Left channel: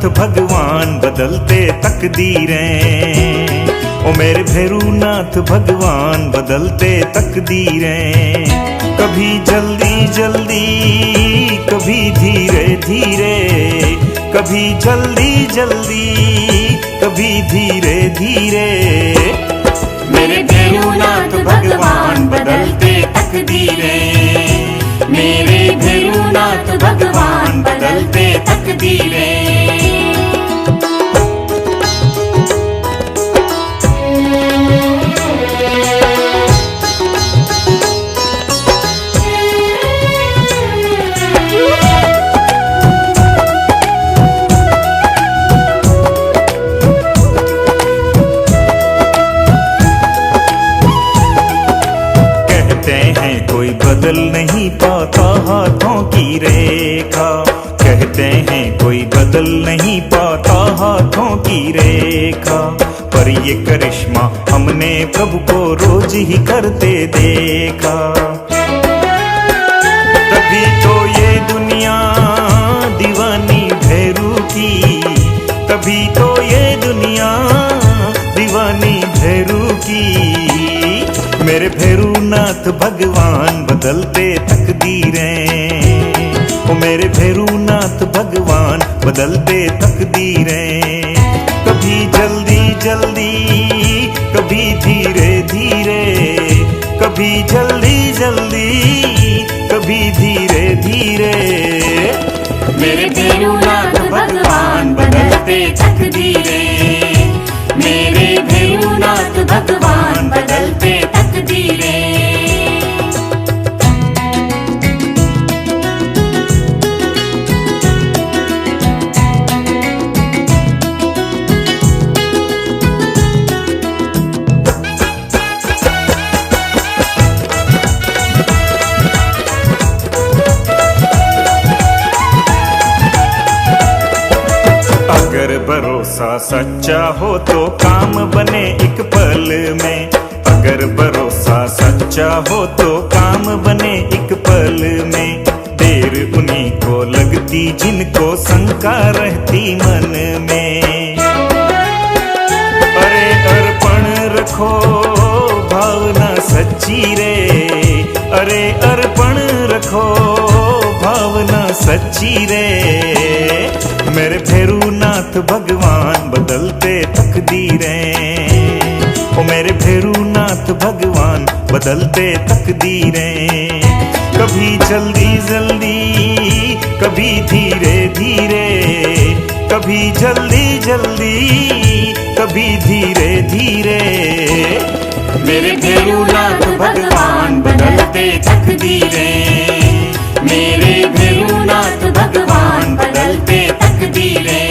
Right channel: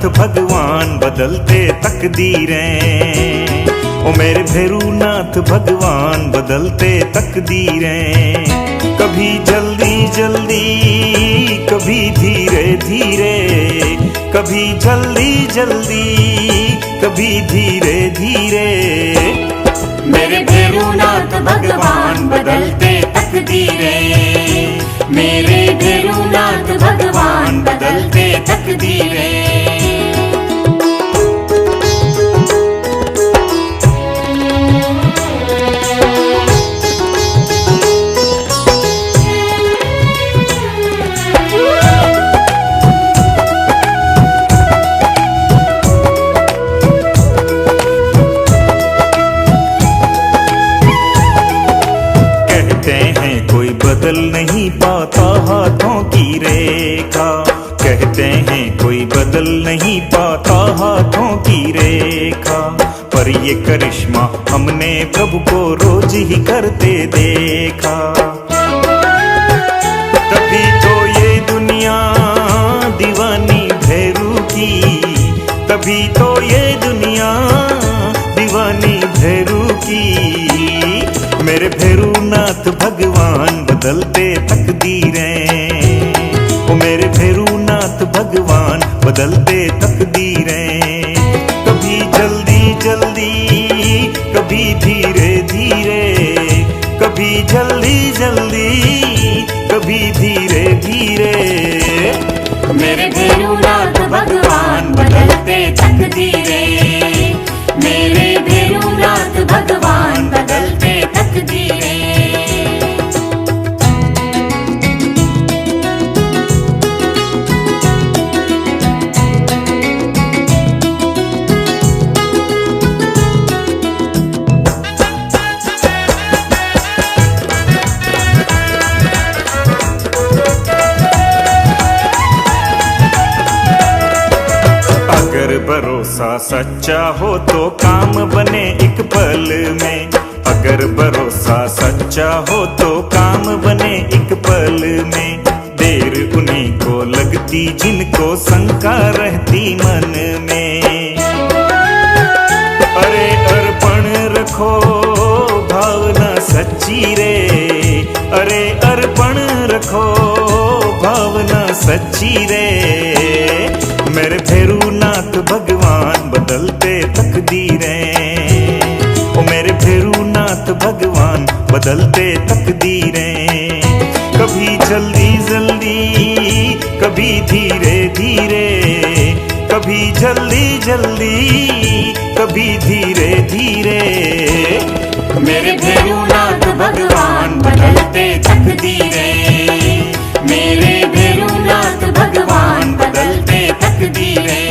भैरूनाथ भगवान बदलते तकदीरें। ओ मेरे भैरूनाथ भगवान बदलते तकदीरें। कभी जल्दी जल्दी कभी धीरे धीरे, कभी जल्दी जल्दी कभी धीरे धीरे। मेरे भैरूनाथ भगवान बदलते तकदीरें। मेरे भैरूनाथ भगवान बदलते तकदीरें। कोई बदल नहीं पाता हाथों की रेखा। कहते हैं कोई बदल नहीं पाता हाथों की रेखा। पर ये करिश्मा हमने प्रभु को रोज ही करते देखा। तभी तो ये दुनिया दीवानी भैरू की, तभी तो ये दुनिया दीवानी भैरू की। मेरे भैरूनाथ भगवान बदलते तकदीरें। ओ मेरे भैरूनाथ भगवान बदलते तकदीरें। कभी जल्दी जल्दी कभी धीरे धीरे, कभी जल्दी जल्दी कभी धीरे धीरे। मेरे भैरूनाथ भगवान बदलते तकदीरें। मेरे भैरूनाथ भगवान बदलते तकदीरें। अगर भरोसा सच्चा हो तो काम बने एक पल में। अगर भरोसा सच्चा हो तो काम बने एक पल में। देर उन्हीं को लगती जिनको शंका रहती मन में। अरे अर्पण रखो भावना सच्ची रे, अरे अर्पण रखो भावना सच्ची रे। मेरे भैरूनाथ भगवान बदलते तकदीरें। ओ मेरे भैरूनाथ भगवान बदलते तकदीरें। कभी जल्दी जल्दी कभी धीरे धीरे, कभी जल्दी जल्दी कभी धीरे धीरे। मेरे भैरूनाथ भगवान बदलते तकदीरें। मेरे भैरूनाथ भगवान बदलते तकदीरें।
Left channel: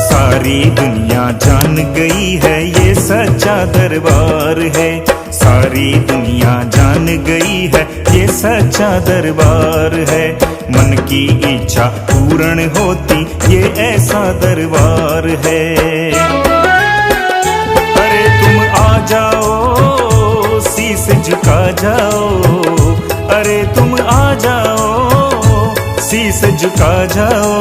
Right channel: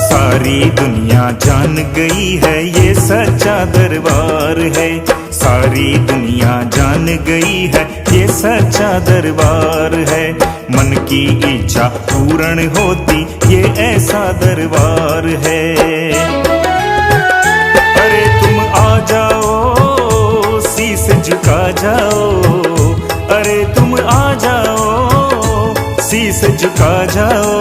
सारी दुनिया जान गई है ये सच्चा दरबार है। सारी दुनिया जान गई है ये सच्चा दरबार है। मन की इच्छा पूर्ण होती ये ऐसा दरबार है। अरे तुम आ जाओ शीस झुका जाओ, अरे तुम आ जाओ शीस झुका जाओ।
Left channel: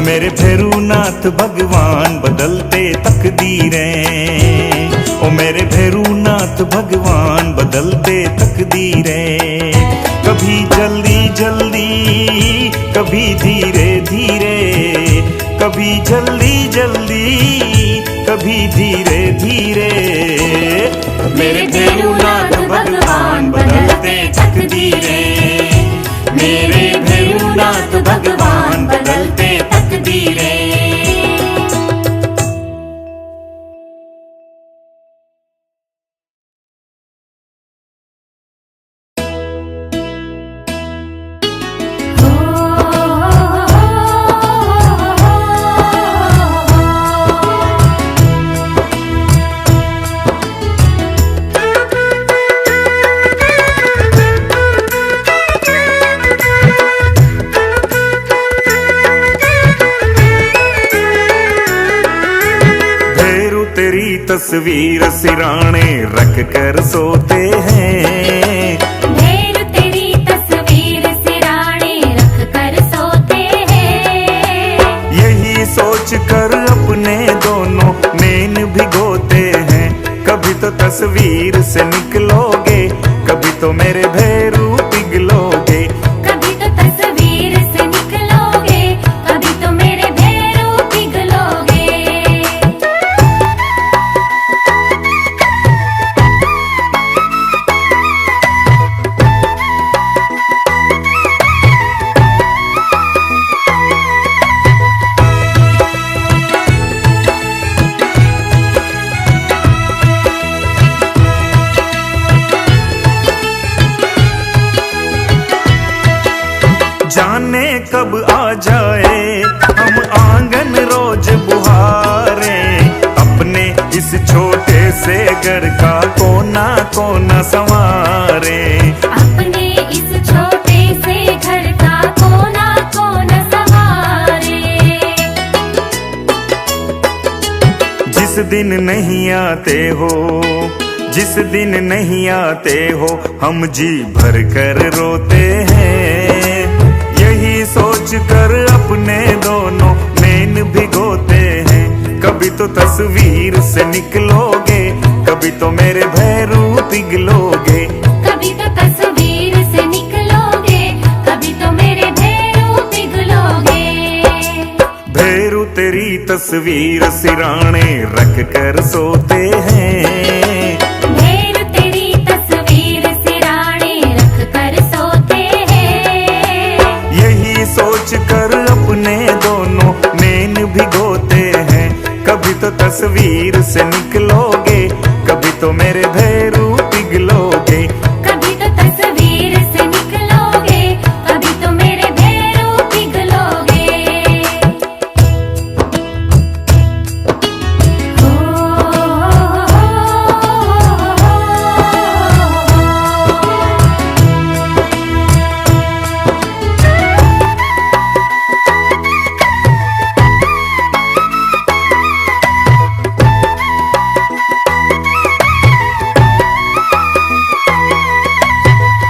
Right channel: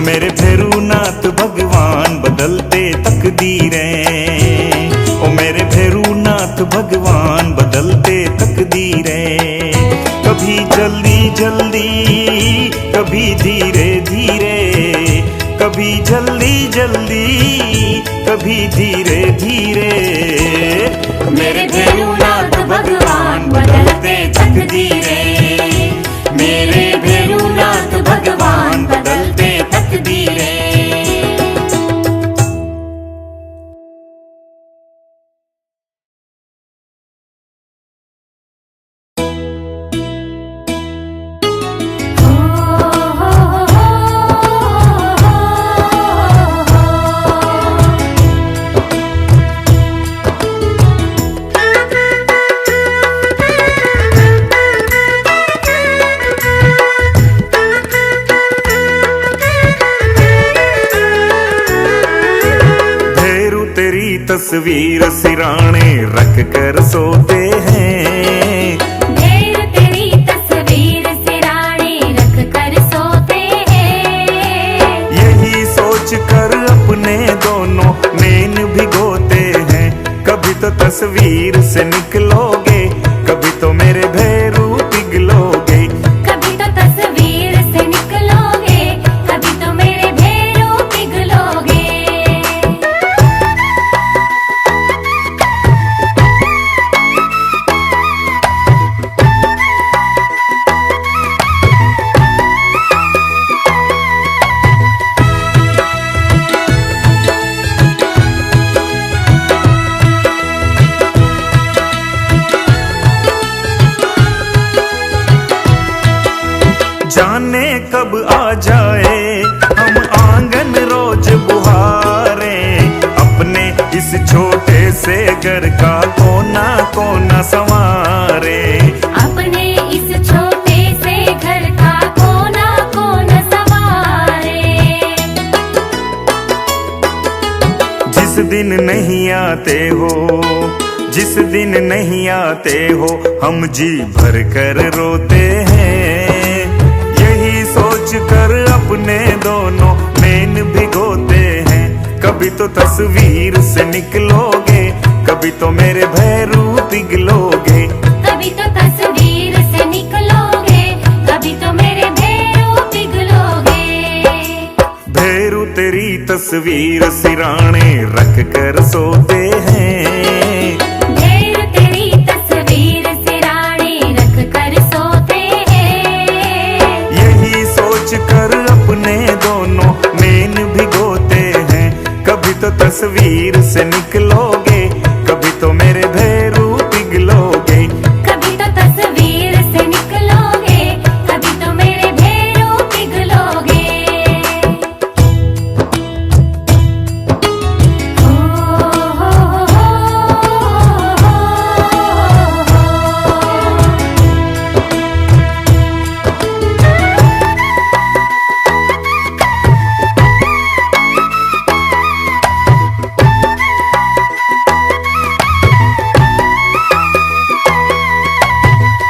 मेरे भैरूनाथ भगवान बदलते तकदीरें। ओ मेरे भैरूनाथ भगवान बदलते तकदीरें। कभी जल्दी जल्दी कभी धीरे धीरे, कभी जल्दी जल्दी कभी धीरे धीरे। मेरे भैरूनाथ भगवान बदलते तकदीरें। मेरे भैरूनाथ भगवान बदलते तकदीरें। तस्वीर सिराने रख कर सोते हैं। ढेर तेरी तस्वीर सिराने रख कर सोते हैं। यही सोच कर अपने दोनों नैन भिगोते हैं। कभी तो तस्वीर से निकलोगे, कभी तो मेरे भैरू पिघलोगे। कभी तो तस्वीर से निकलोगे, कभी तो मेरे भैरू पिघलोगे। जाने कब आ जाए हम आंगन रोज बुहारे, अपने इस छोटे से घर का कोना कोना संवारे। अपने इस छोटे से घर का कोना कोना संवारे। जिस दिन नहीं आते हो, जिस दिन नहीं आते हो, हम जी भर कर रोते हैं। यही सोच कर अपने दोनों नैन भिगोते हैं। कभी तो तस्वीर से निकलोगे, कभी तो मेरे भैरू पिघलोगे। कभी तो तस्वीर से निकलोगे, कभी तो मेरे भैरू पिघलोगे। भैरू तेरी तस्वीर सिराने रख कर सोते हैं। ढेर तेरी तस्वीर सिराने रख कर सोते हैं। यही सोच कर अपने दोनों नैन भिगोते हैं। कभी तो तस्वीर से निकलोगे, कभी तो मेरे भैरू पिघलोगे। कभी तो तस्वीर से निकलोगे, कभी तो मेरे भैरू पिघलोगे।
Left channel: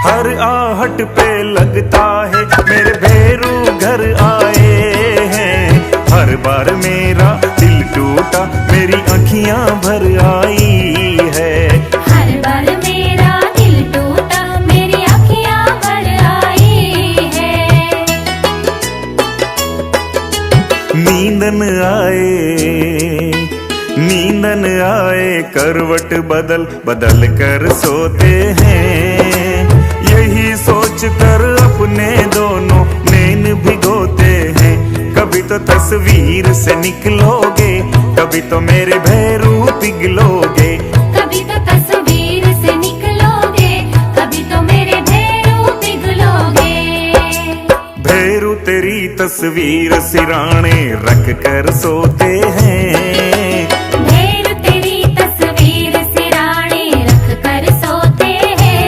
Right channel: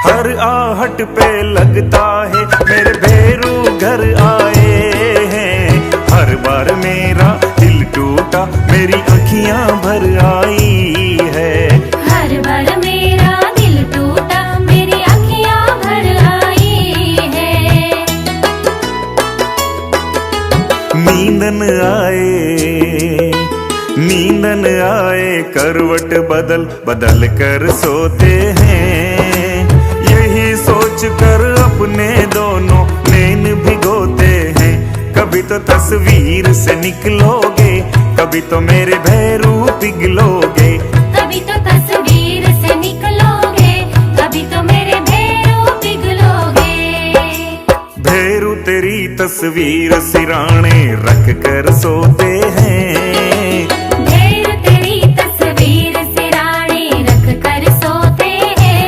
हर आहट पे लगता है मेरे भैरू घर आए हैं। हर बार मेरा दिल टूटा, मेरी आँखियाँ भर आई है। हर बार मेरा दिल टूटा, मेरी आँखियाँ भर आई है। नींदन आए, नींदन आए, करवट बदल बदल कर सोते हैं। यही सोच कर अपने दोनों नैन भिगोते हैं। कभी तो तस्वीर से निकलोगे, कभी तो मेरे भैरू पिघलोगे। कभी तो तस्वीर से निकलोगे, कभी तो मेरे भैरू पिघलोगे। भैरू तेरी तस्वीर सिराने रख कर सोते हैं। ढेर तेरी तस्वीर सिराने रख कर सोते हैं।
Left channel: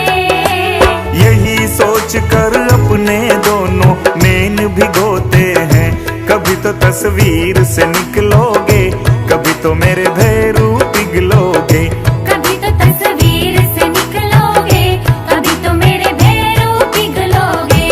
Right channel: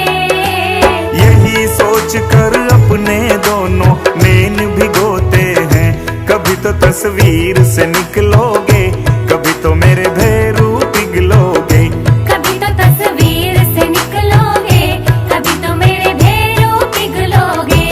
यही सोच कर अपने दोनों नैन भिगोते हैं। कभी तो तस्वीर से निकलोगे, कभी तो मेरे भैरू पिघलोगे। कभी तो तस्वीर से निकलोगे, कभी तो मेरे भैरू पिघलोगे।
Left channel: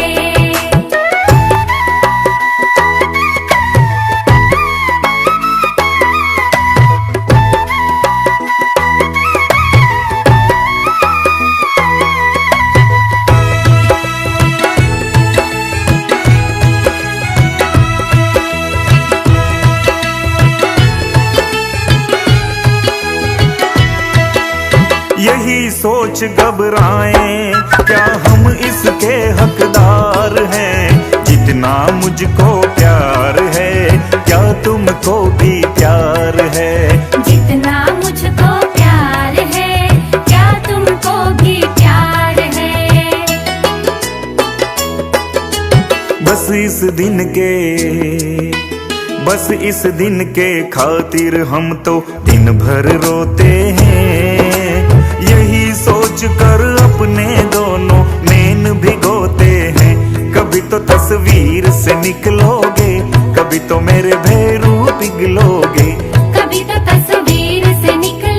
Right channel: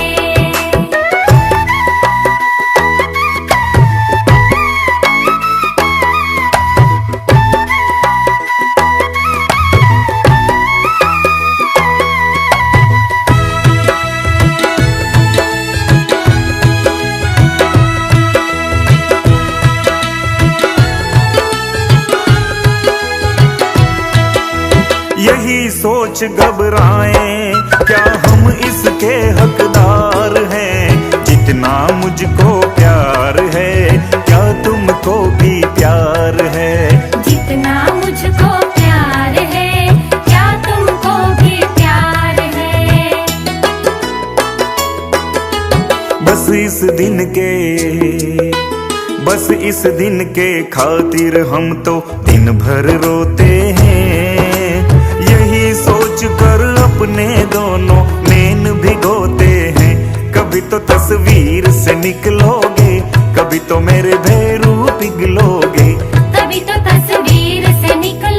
यही सोच घबराएं, क्या हम इसके हकदार हैं? जितना मुझको प्यार है, क्या तुमको भी प्यार है? जितना मुझको प्यार है, क्या तुमको भी प्यार है? बस इस दिन के, बस इस दिन के खातिर हम तो दिन भर रोते हैं। यही सोच कर अपने दोनों नैन भिगोते हैं। कभी तो तस्वीर से निकलोगे, कभी तो मेरे भैरू पिघलोगे। कभी तो तस्वीर से निकल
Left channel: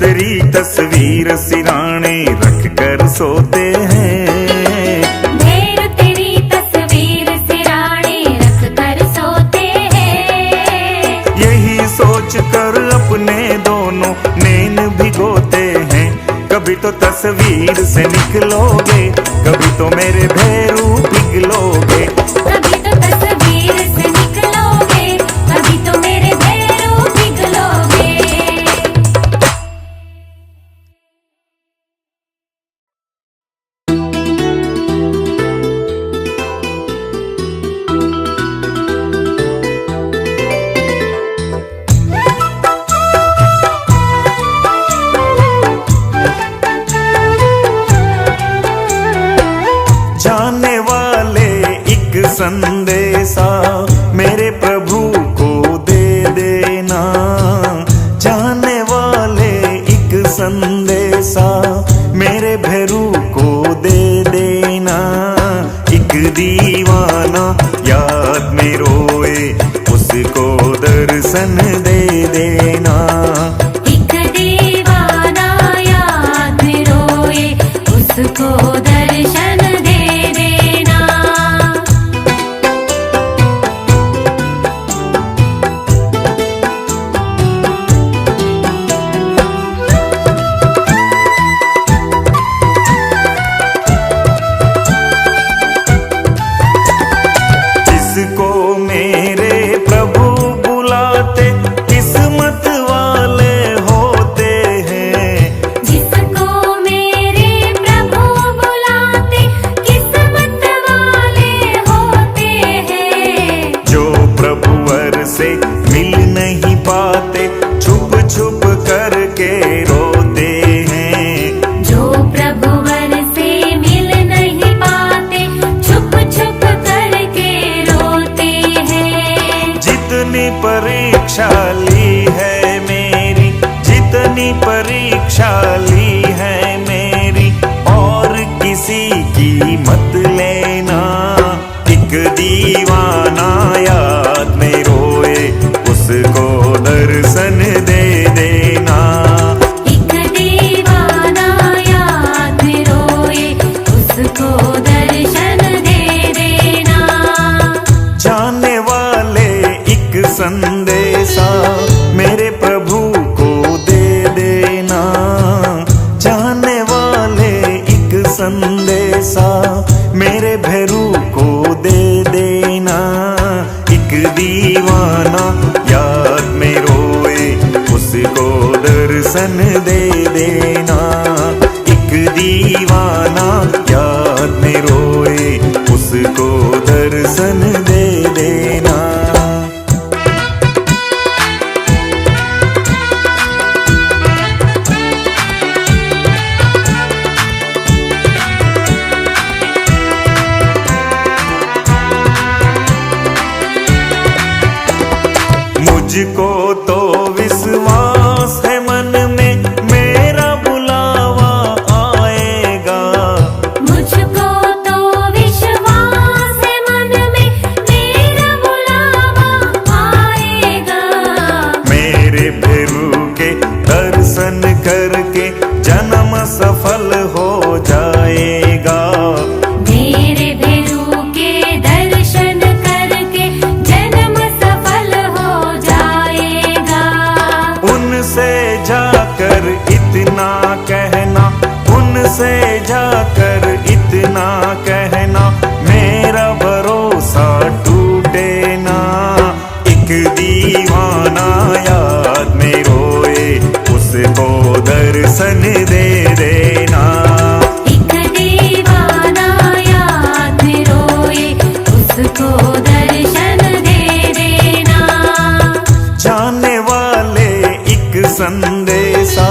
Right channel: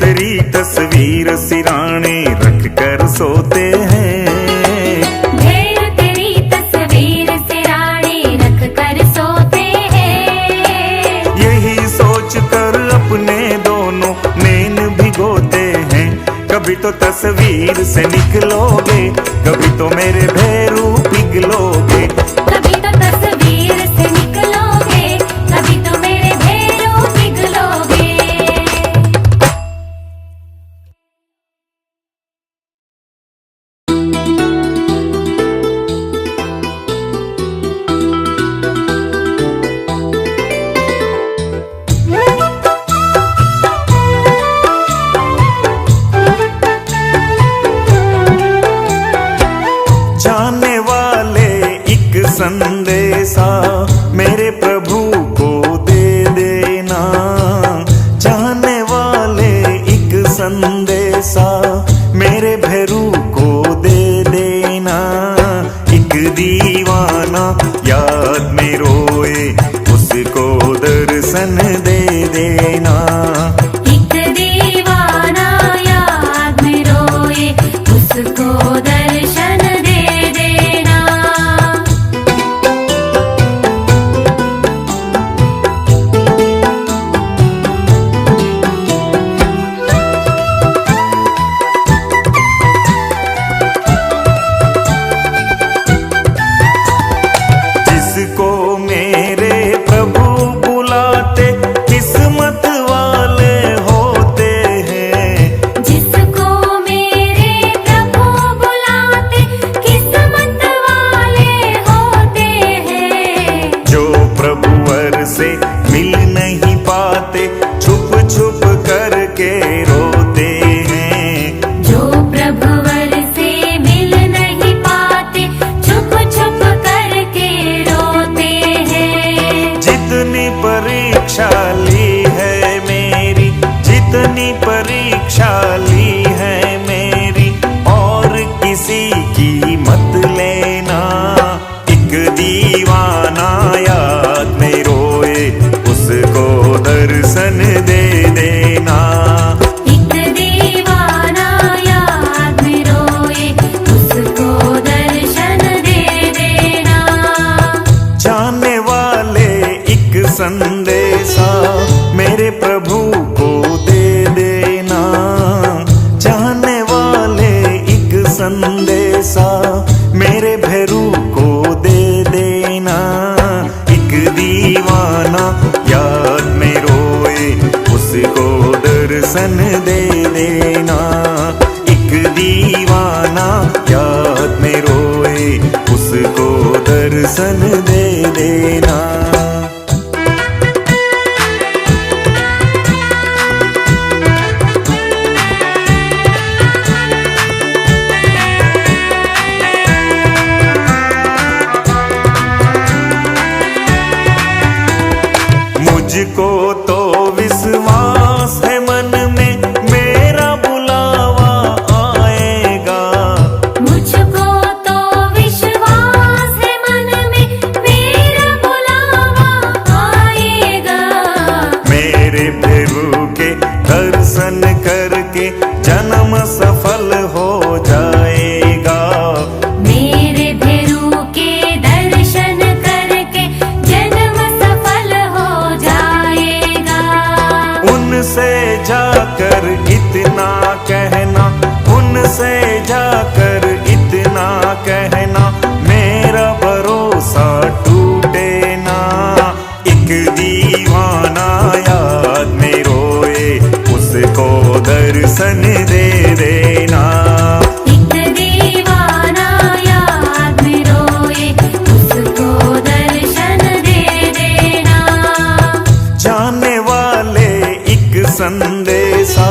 तेरी तस्वीर सिराने रख कर सोते हैं। ढेर तेरी तस्वीर सिराने रख कर सोते हैं। यही सोच कर अपने दोनों नैन भिगोते हैं। कभी तो तस्वीर से निकलोगे, कभी तो मेरे भैरू पिघलोगे। कभी तो तस्वीर से निकलोगे, कभी तो मेरे भैरू पिघलोगे। जाने वाले एक संदेशा मेरे प्रभु को दे देना। जाने वाले एक संदेशा मेरे भैरू को दे देना। एक दीवाना याद में रोए, उसको दर्शन दे देना। एक दीवाना याद में रोए, उसको दर्शन दे देना। जिसको मेरे प्रभु बुलाते किस्मत वाले होते हैं। जिसको मेरे प्रभु बुलाते किस्मत वाले होते हैं। जो प्रभुवर से मिल नहीं पाते छुप छुप करके रोते हैं। जो प्रभुवर से मिल नहीं पाते छुप छुप करके रोते हैं। जितनी परीक्षा ली है मेरी, जितनी परीक्षा ली है मेरी, और किसी की मत लेना। एक दीवाना याद में रोए, उसको दर्शन दे देना। एक दीवाना याद में रोए, उसको दर्शन दे देना। जाने वाले एक संदेशा मेरे प्रभु को दे देना। जाने वाले एक संदेशा मेरे भैरू को दे देना। एक दीवाना याद में रोए, उसको दर्शन दे देना। एक दीवाना याद में रोए, उसको दर्शन दे देना। मुझको तो विश्वास है मन में मेरा बुलावा आएगा। मुझको तो विश्वास है मन में मेरा बुलावा आएगा। मेरे प्रभु के दर्शन करके जन्म सफल हो जाएगा। मेरे भैरू के दर्शन करके जन्म सफल हो जाएगा। उनसे जाकर इतना कहना, उनसे जाकर इतना कहना, मेरा भरोसा टूटे ना। एक दीवाना याद में रोए, उसको दर्शन दे देना। एक दीवाना याद में रोए, उसको दर्शन दे देना। जाने वाले एक संदेशा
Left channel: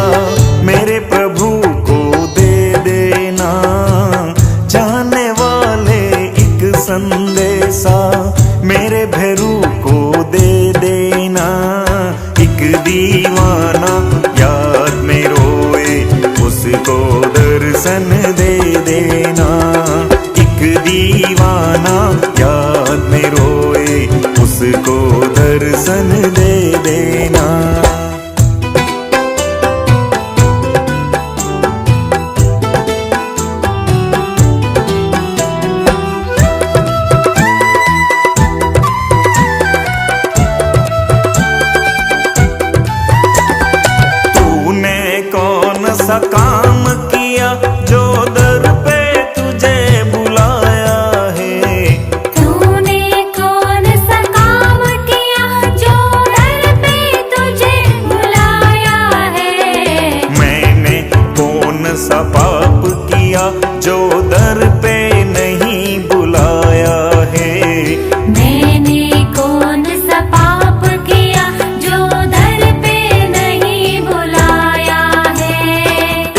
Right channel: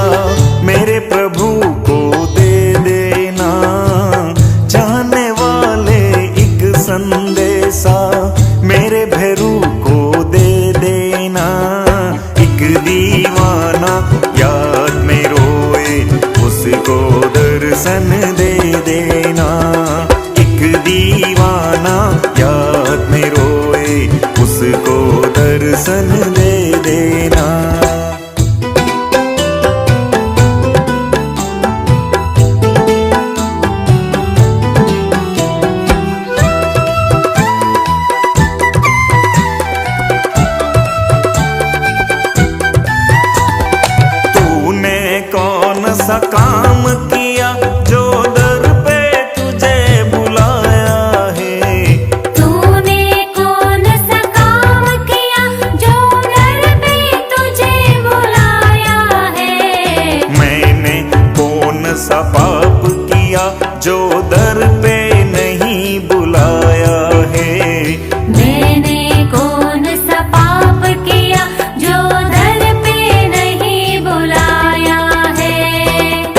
मेरे प्रभु को दे देना। जाने वाले एक संदेशा मेरे भैरू को दे देना। एक दीवाना याद में रोए, उसको दर्शन दे देना। एक दीवाना याद में रोए, उसको दर्शन दे देना। सा काम किया जो दर पे तुझे बुलाया है। तूने कौन सा काम किया जो दर पे तुझे बुलाया है। मैंने कौन सा पाप किया जो दर पे नहीं बुलाया है। मैंने कौन सा पाप किया जो दर पे नहीं बुलाया है।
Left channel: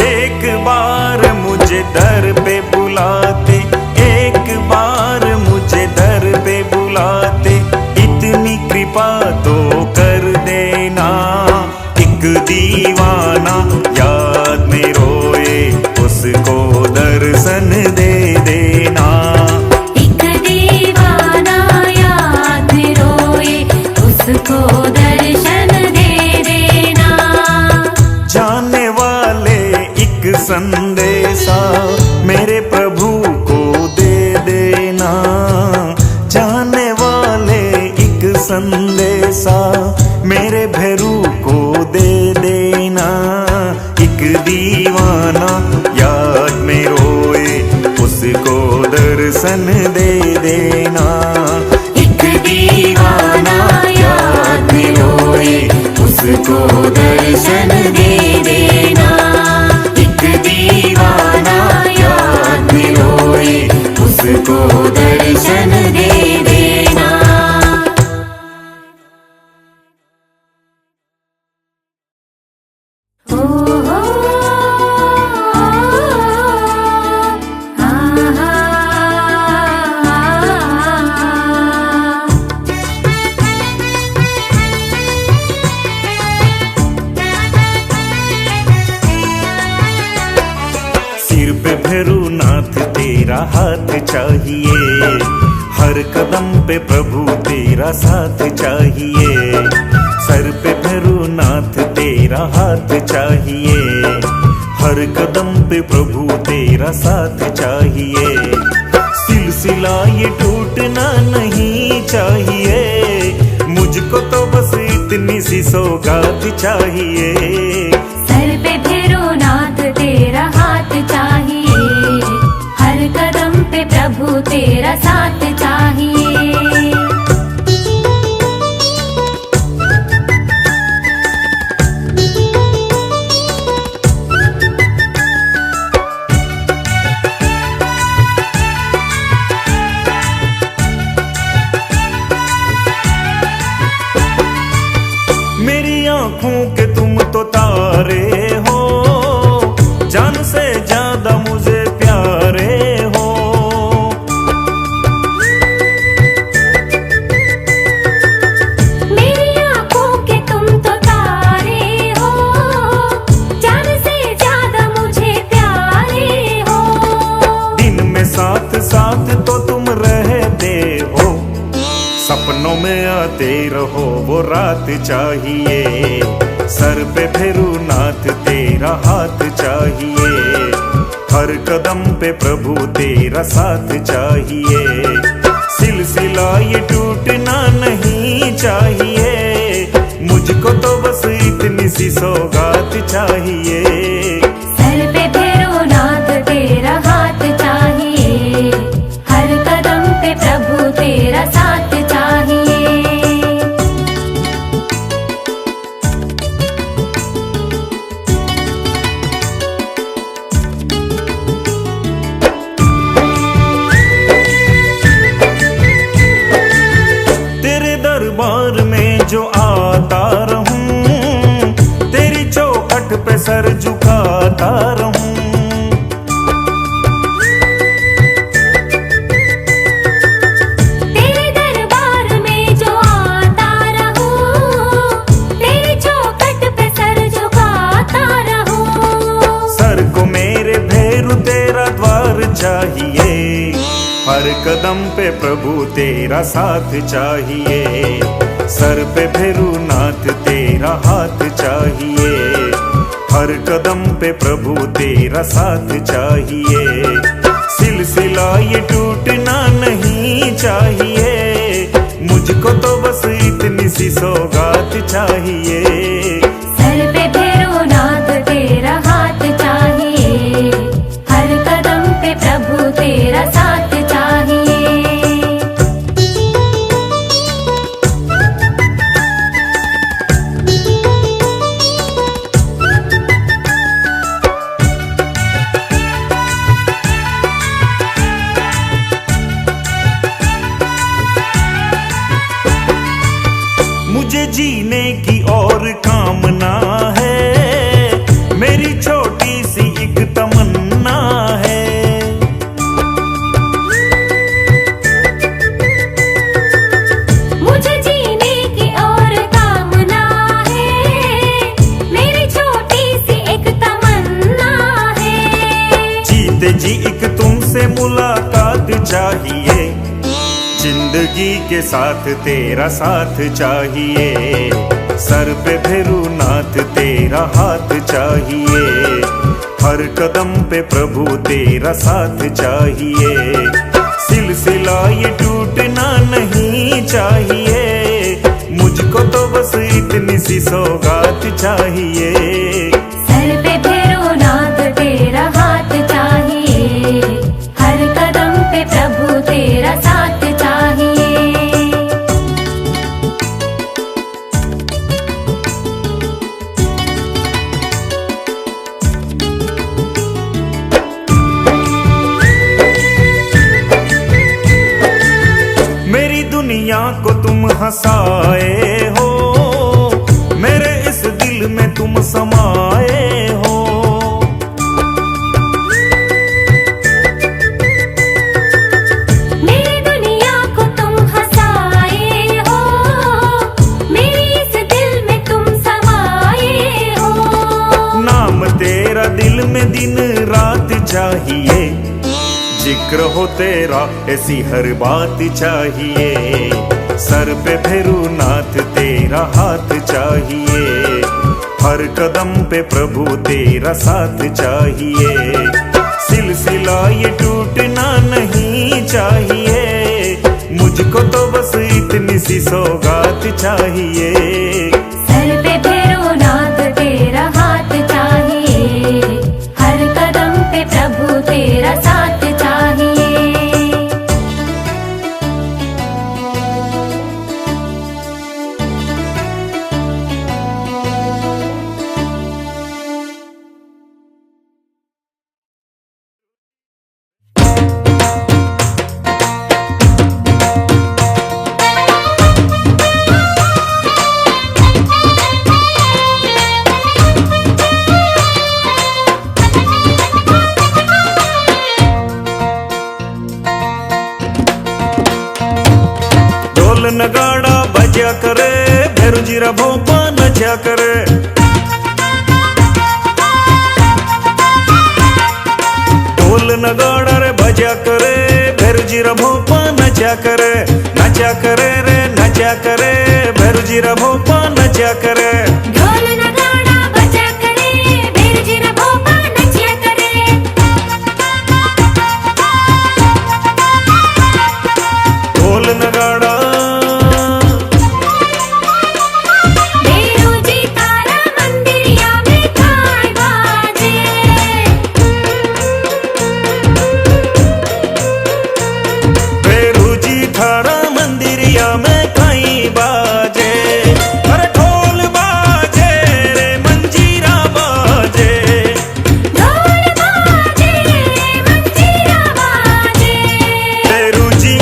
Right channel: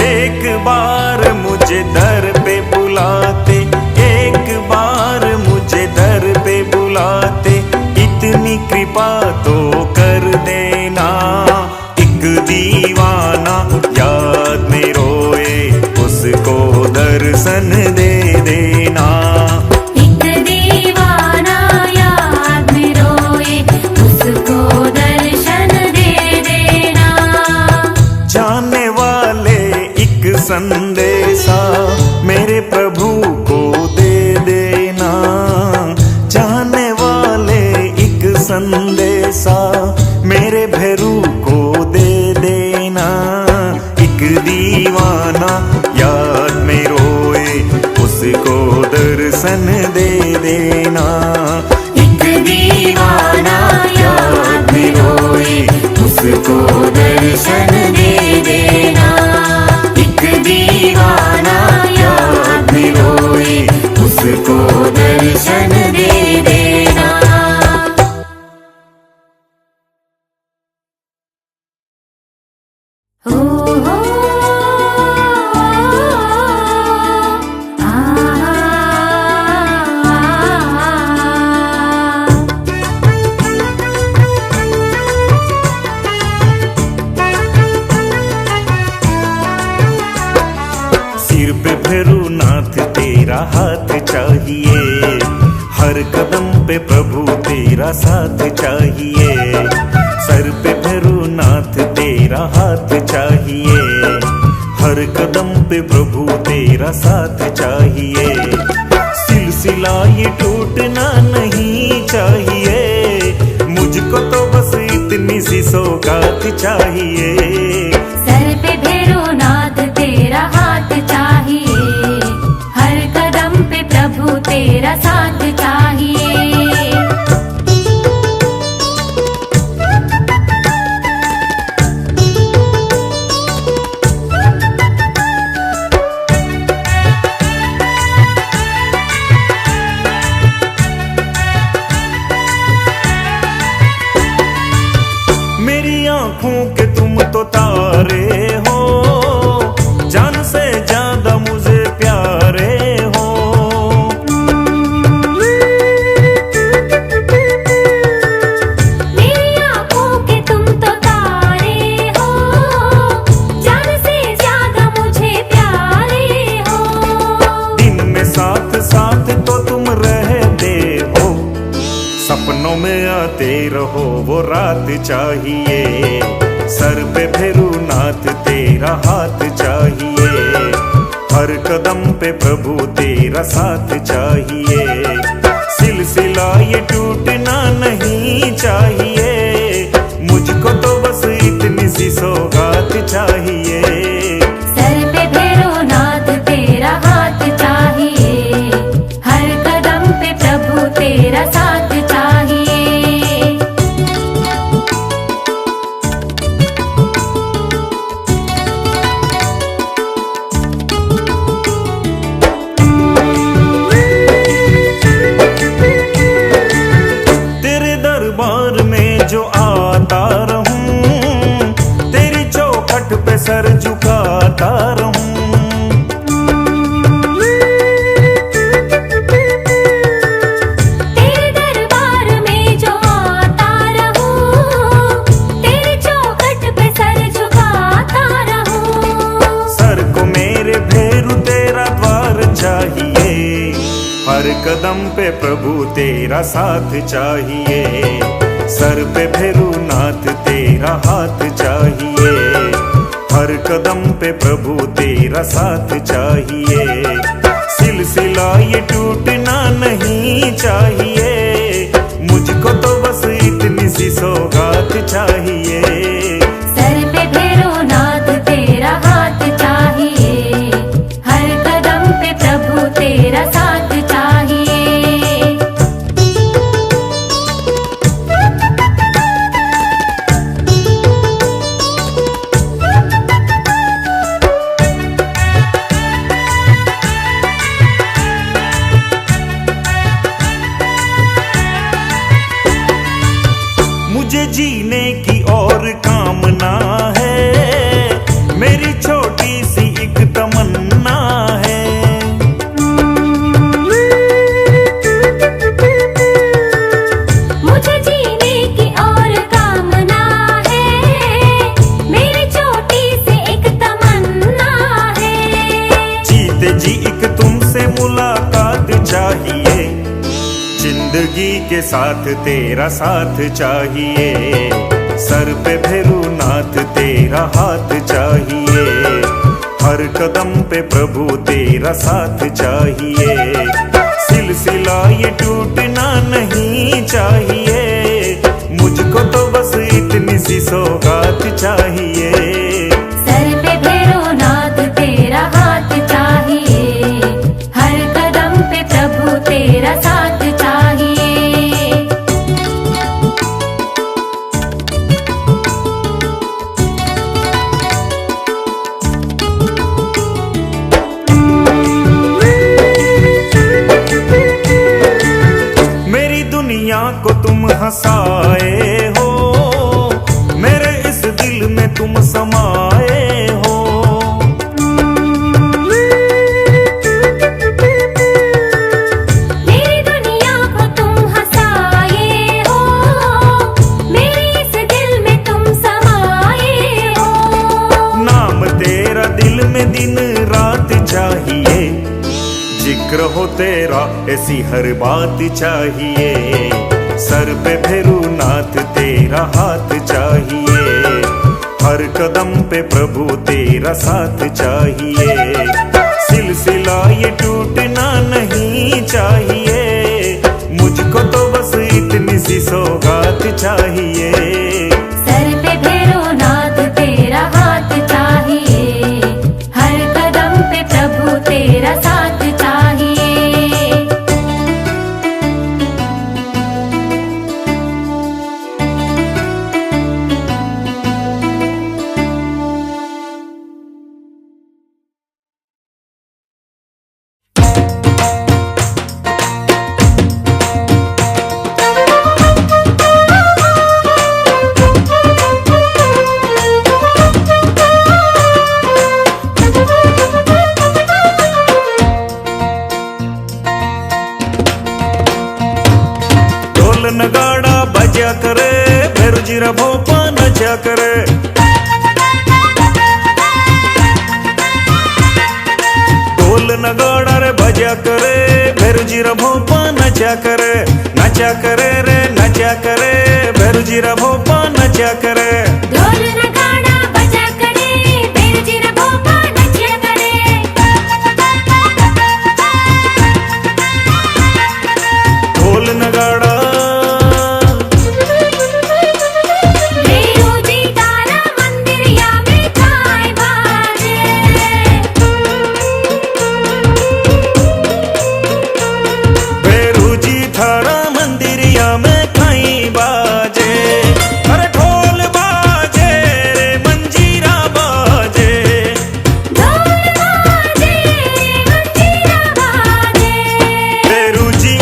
एक बार मुझे दर पे बुलाते, एक बार मुझे दर पे बुलाते, इतनी कृपा तो कर देना। एक दीवाना याद में रोए उसको दर्शन दे देना। एक दीवाना याद में रोए उसको दर्शन दे देना। जाने वाले एक संदेशा मेरे प्रभु को दे देना। जाने वाले एक संदेशा मेरे भैरू को दे देना। एक दीवाना याद में रोए उसको दर्शन दे देना। एक दीवाना याद में रोए उसको दर्शन दे देना। एक दीवाना याद में रोए उसको दर्शन दे देना। ओ हो सिर पे भैरूनाथ तेरा हाथ चाहिए, हर कदम पे प्रभु तेरा साथ चाहिए। सर पे भैरूनाथ तेरा हाथ चाहिए, हर कदम पे प्रभु तेरा साथ चाहिए। सिलसिला ये टूटना नहीं चाहिए, मुझको तो बस इतनी सी सौगात चाहिए। सर पे भैरवनाथ तेरा हाथ चाहिए, हर कदम पे प्रभु तेरा साथ चाहिए। मेरी आंखों के तुम तो तारे हो, जान से ज्यादा मुझे प्यारे हो। मेरी आंखों के तुम तो तारे हो, जान से ज्यादा मुझे प्यारे हो। दिन में साथ साथ तो तुम रहते हो, सपनों में आते रहो वो रात चाहिए। सर पे भैरूनाथ तेरा हाथ चाहिए, हर कदम पे प्रभु तेरा साथ चाहिए। सिलसिला ये टूटना नहीं चाहिए, मुझको तो बस इतनी सी सौगात चाहिए। सर पे भैरवनाथ तेरा हाथ चाहिए, हर कदम पे प्रभु तेरा साथ चाहिए। तेरे दरबार में जो आता रहूं, तेरी चौखट पे सर झुकाता रहूं। तेरे दरबार में जो आता रहूं, तेरी चौखट पे सर झुकाता रहूं। सर को मेरे भैरू तेरा द्वार चाहिए, हर कदम पे प्रभु तेरा साथ चाहिए। सर पे भैरूनाथ तेरा हाथ चाहिए, हर कदम पे प्रभु तेरा साथ चाहिए। सिलसिला ये टूटना नहीं चाहिए, मुझको तो बस इतनी सी सौगात चाहिए। सर पे भैरवनाथ तेरा हाथ जीने की और कामना है, मेरी छोटी सी एक तमन्ना है। मुझे जीने की और कामना है, मेरी छोटी सी एक तमन्ना है। जीते जी एक तुमसे मुलाकात चाहिए, जिंदगी के साथ तेरा साथ चाहिए। सर पे भैरूनाथ तेरा हाथ चाहिए, हर कदम पे प्रभु तेरा साथ चाहिए। सिलसिला ये टूटना नहीं चाहिए, मुझको तो बस इतनी सी सौगात चाहिए। सर पे भैरवनाथ तेरा हाथ चाहिए, हर कदम पे प्रभु तेरा साथ चाहिए। मेरी दुनिया को तुम हंसाए हो, मेरे इस दिल में तुम समाए हो। मेरी दुनिया को तुम हंसाए हो, मेरी इस दिल में तुम समाए हो। नाम तेरा दिल में दिन रात चाहिए, जिक्र हो तेरा ऐसी हर बात चाहिए। सर पे भैरूनाथ तेरा हाथ चाहिए, हर कदम पे प्रभु तेरा साथ चाहिए। सिलसिला ये टूटना नहीं चाहिए, मुझको तो बस इतनी सी सौगात चाहिए। सर पे भैरवनाथ तेरा हाथ चाहिए, हर कदम पे प्रभु तेरा साथ चाहिए। ढोल नगाड़ा बजा करे, भैरू जीरा भोपा नचा करे। ढोल नगाड़ा रे बजा करे, भैरू जीरा भोपा नचा करे। नचा करे रे नचा करे, भैरू जीरा भोपा नचा करे। ढोल नगाड़ा बजा करे, भैरू जीरा भोपा नचा करे। ढोल नगाड़ा भैरू जी तारा मंदिरिया में काय बाजे। भैरू जी थारा मंदिरिया में कहीं बाजे। अरे ढोल बाजे रे मंजीरा बाजे। ढोल बाजे, मंजीरा बाजे। भैरू जी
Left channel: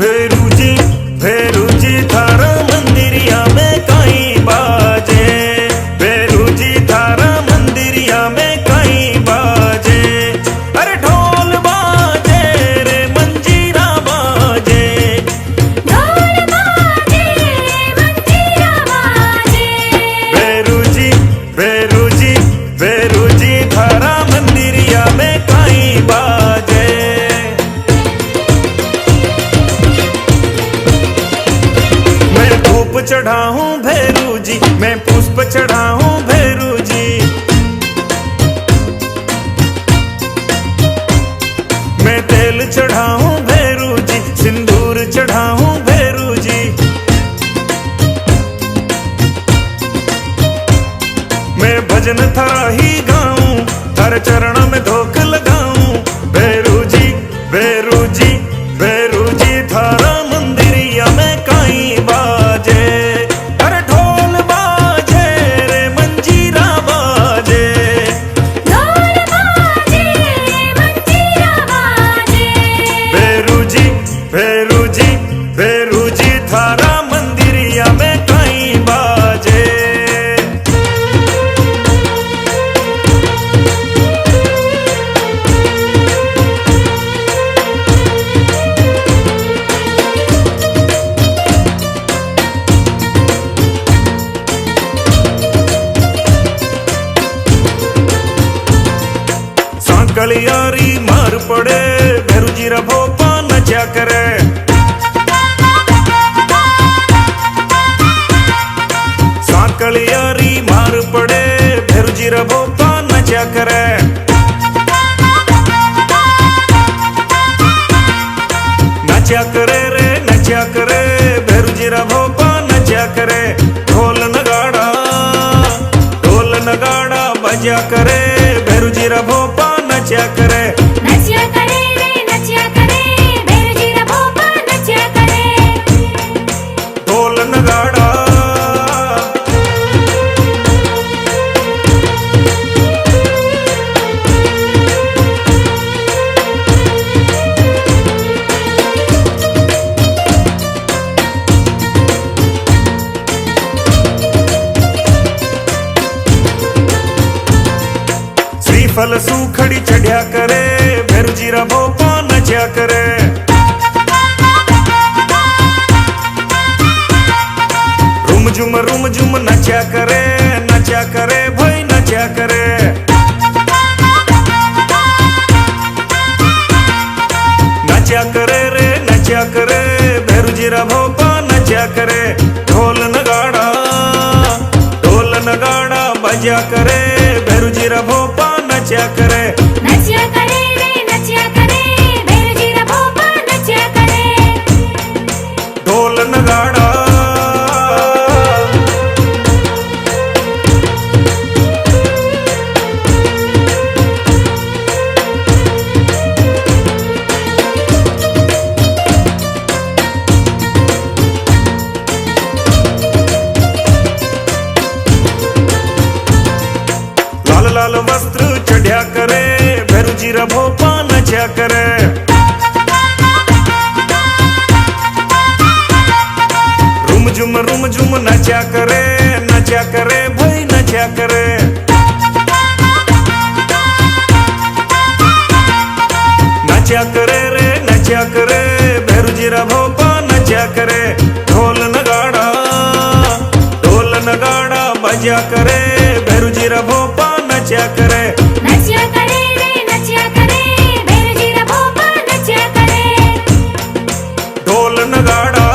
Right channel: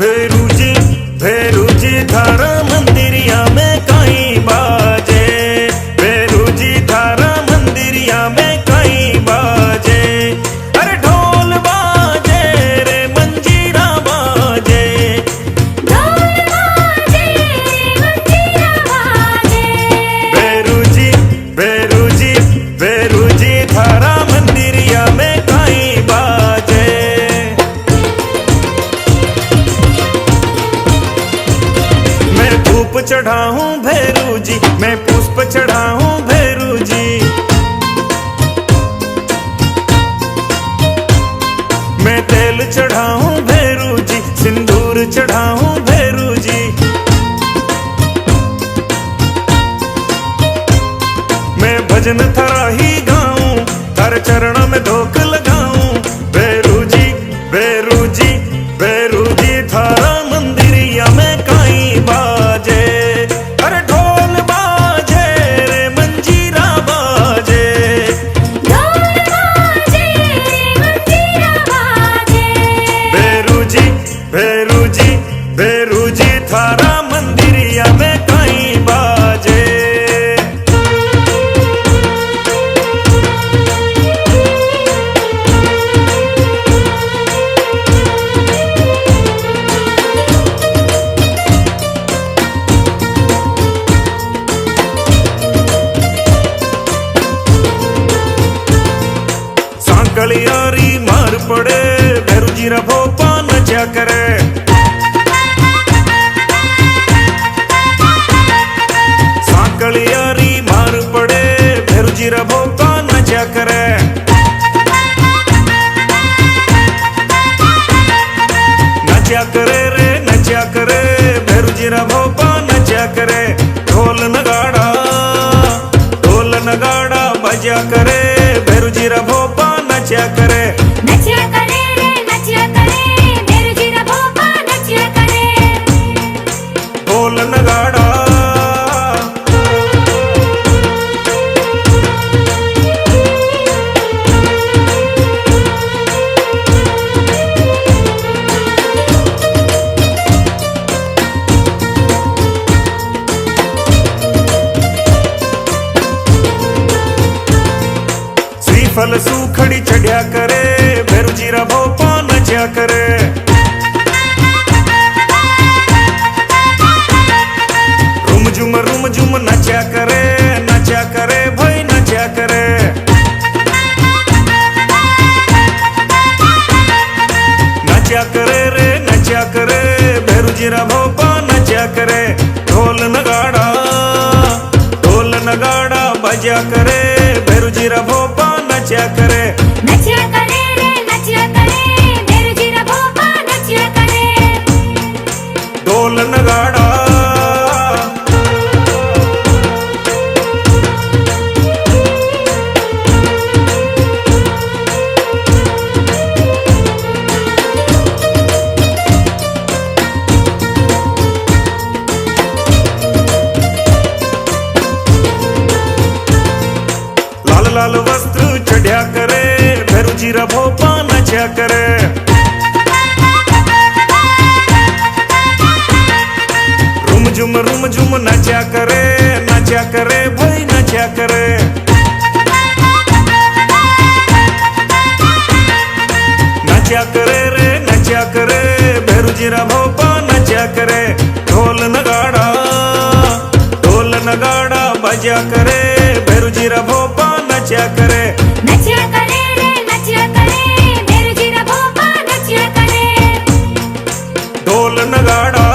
भैरू जी भैरू जी थारा मंदिरिया में कहीं बाजे। भैरू जी थारा मंदिरिया में कहीं बाजे। अरे ढोल बाजे रे मंजीरा बाजे। ढोल बाजे, मंजीरा बाजे। भैरू जी भैरू जी भैरू जी थारा मंदिरिया में कहीं बाजे। मैं धूप चढ़ाऊं भैरू जी, मैं पुष्प चढ़ाऊं भैरू जी। मैं तेल चढ़ाऊं भैरू जी, सिंदूर चढ़ाऊं भैरू जी। मैं भजन थरा ही गाऊं, थर चरण में धोख लगाऊं। भैरू जी भैरू जी भैरू जी थारा मंदिरिया में कहीं बाजे। अरे ढोल बाजे रे मंजीरा बाजे। ढोल बाजे, मंजीरा बाजे। भैरू जी भैरू जी भैरू जी थारा मंदिरिया में कहीं बाजे। साकलियारी मार पड़े भैरू जी रा भोपा नचा करे। साकलियारी मार पड़े भैरू जी रा भोपा नचा करे। नचा करे रे नचा करे भैरू जी रा भोपा नचा करे। ढोल नगाड़ा बजा करे भैरू जी रा भोपा नचा करे। नचा करे रे नचा करे भैरू जी रा भोपा नचा करे। ढोल नगाड़ा फल सूखड़ी चढ़िया करे भैरू जी रा भोपा नचा करे। रुम झुम नचा करे भाई नचा करे। नचा करे रे नचा करे भैरू जी रा भोपा नचा करे। ढोल नगाड़ा बजा करे भैरू जी रा भोपा नचा करे। नचा करे रे नचा करे भैरू जी रा भोपा नचा करे। ढोल नगाड़ा लाल वस्त्र चढ़िया करे भैरू जी रा भोपा नचा करे। रुम झुम नचा करे भाई नचा करे। नचा करे रे नचा करे भैरू जी रा भोपा नचा करे। ढोल नगाड़ा बजा करे भैरू जी रा भोपा नचा करे। नचा करे रे नचा करे भैरू जी रा भोपा नचा करे। ढोल नगाड़ा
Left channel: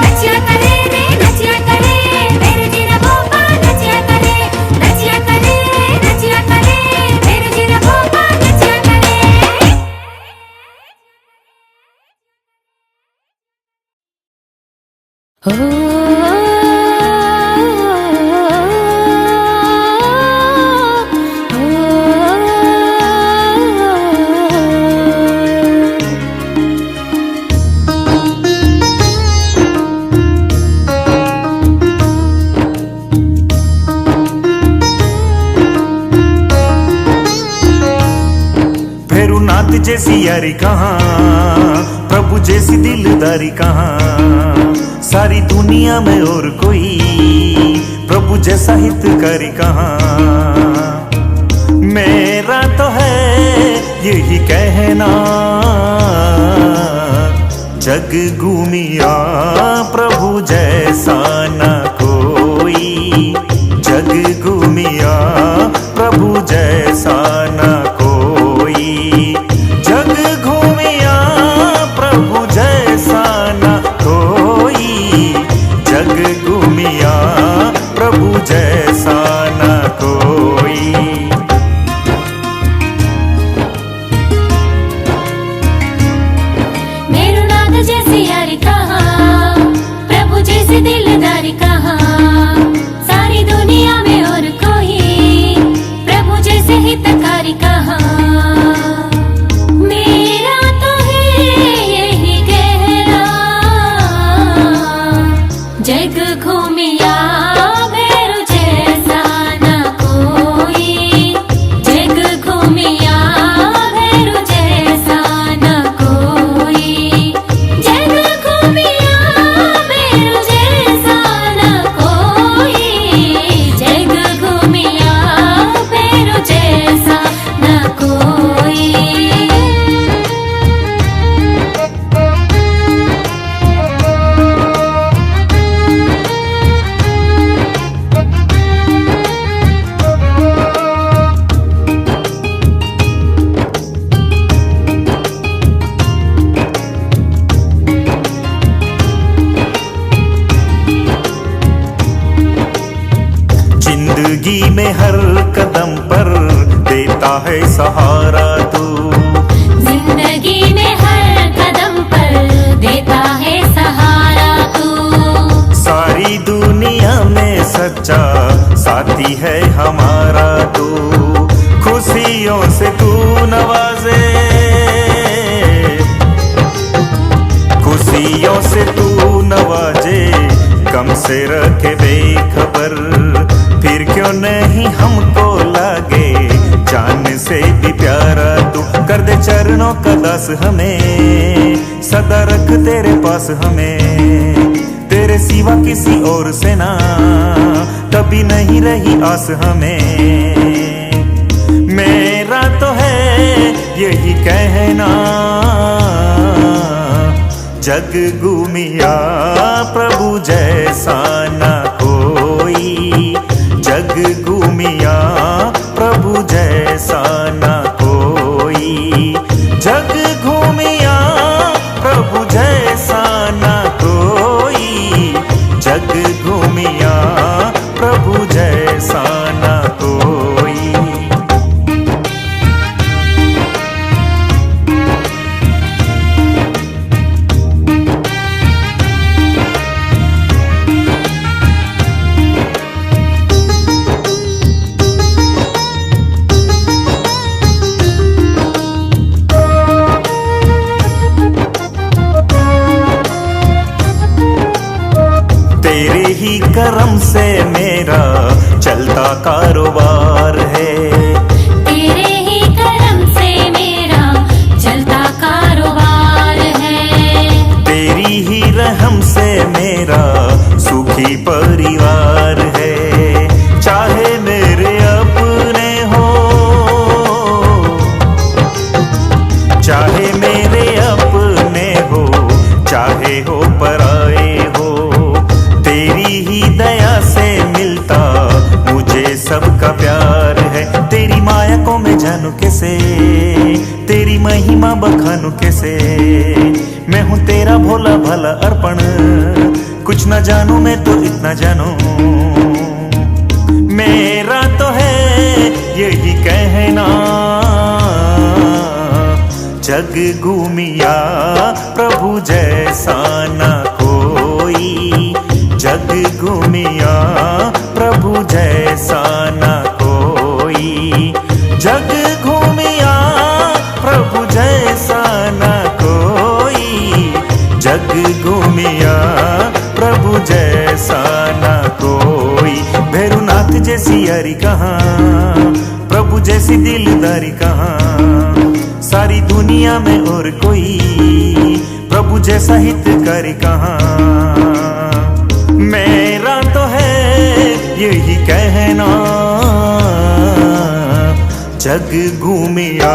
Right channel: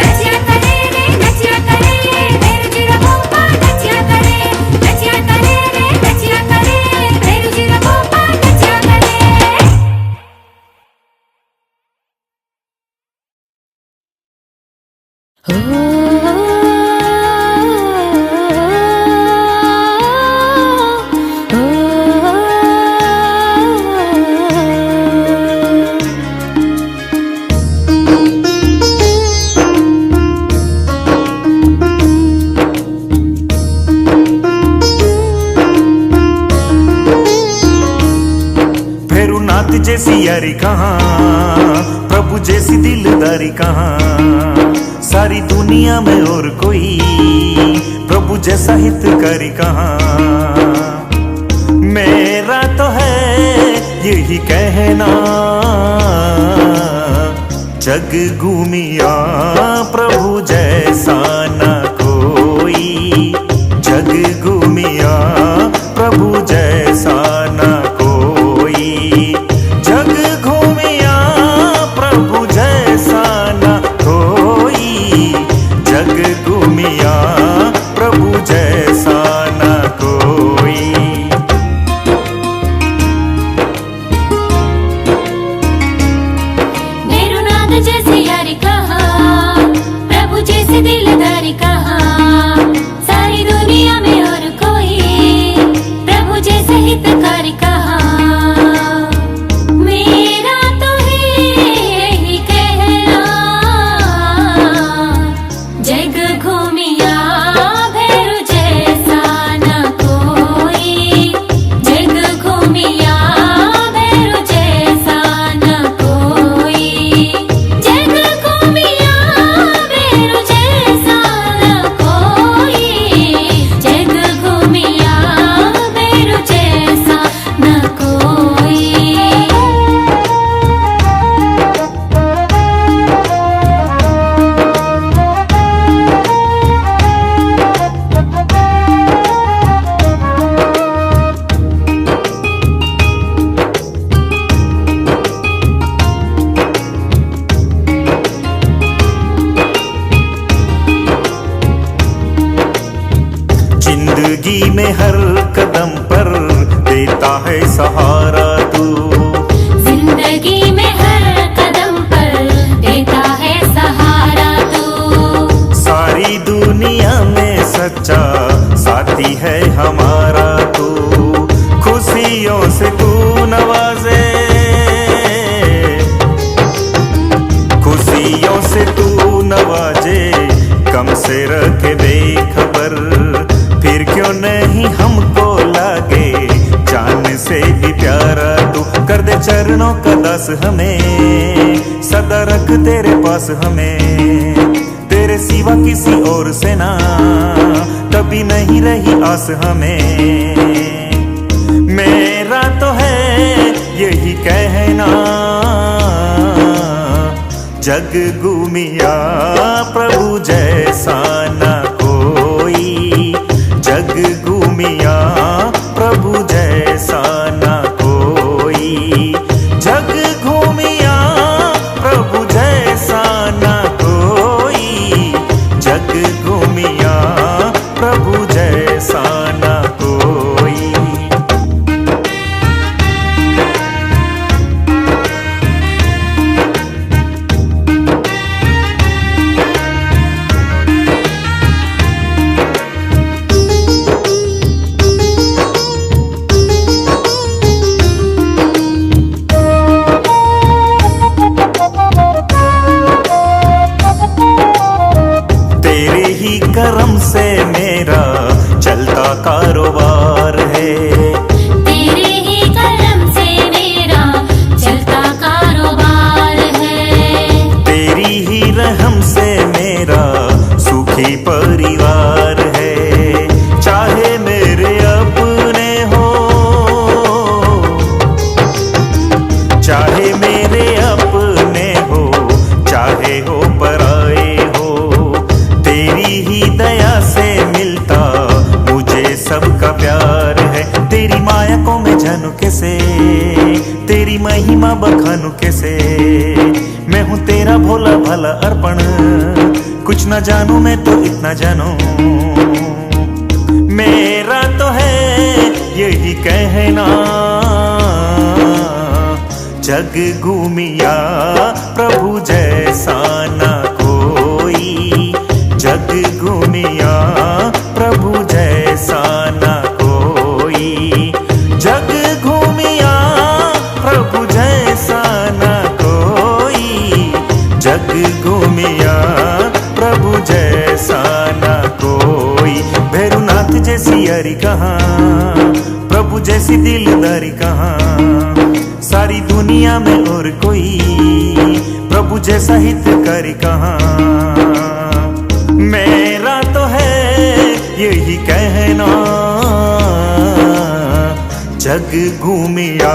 नचा करे रे नचा करे भैरू जी रा भोपा नचा करे। नचा करे रे नचा करे भैरू जी रा भोपा नचा करे। भैरू नाथ जैसी यारी कहाँ, प्रभु जैसी दिलदारी कहाँ। सारी दुनिया में और कोई प्रभु जैसा हितकारी कहाँ। मेरा तो है यही कहना, जग घूमिया प्रभु जैसा न कोई। जग घूमिया प्रभु जैसा न कोई। जग घूमिया प्रभु जैसा न कोई। जग घूमिया प्रभु जैसा न कोई। भैरूनाथ जैसी यारी कहाँ, प्रभु जैसी दिलदारी कहाँ। सारी दुनिया में और कोई प्रभु जैसे हितकारी हर कदम पर देता है सहारा तू। जिंदगी में हर कदम पर देता है सहारा तू। सारी दुनिया में सच्चा साथी है हमारा तू। खुशियों से तू नवाजे, खुशियों से तू नवाजे, कम से रखे बेखबर। फिर क्यों नहीं हमको लागे जान से भी प्यारा तू। कर दे चरणों का दास हमें, सदा रख तेरे पास हमें। तेरे सिवा किसी और से ना कभी नहीं रही आस हमें। मेरा तो है यही कहना, जग घूमिया प्रभु जैसा न कोई। जग घूमिया प्रभु जैसा न कोई। जग घूमिया प्रभु जैसा न कोई। जग घूमिया प्रभु जैसा न कोई। तेरे ही करम से मेरा चलता कारोबार है। तेरे ही करम से मेरा चलता कारोबार है। तेरी ही रहम से मेरा सुखी परिवार है। चाहे मेरे अपने हो, चाहे मेरे अपने हो, चाहे हो पराए हो। तेरी ही दया से मिलता मुझे सबका प्यार है। तेरी माया को मैं जानू कैसे, तेरी महिमा बखानू कैसे। मैं हूँ तेरा भोला भाला अर्पण, कुछ न जानू मैं तो इतना जानू। मेरा तो है यही कहना, जग घूमिया प्रभु जैसा न कोई। जग घूमिया प्रभु जैसा न कोई। जग घूमिया प्रभु जैसा न कोई। जग घूमिया प्रभु जैसा न कोई। भैरुनाथ जैसी यारी कहाँ, प्रभु जैसी दिलदारी कहाँ। सारी दुनिया में और कोई प्रभु जैसा हितकारी कहाँ। मेरा तो है यही कहना, जग घूमिया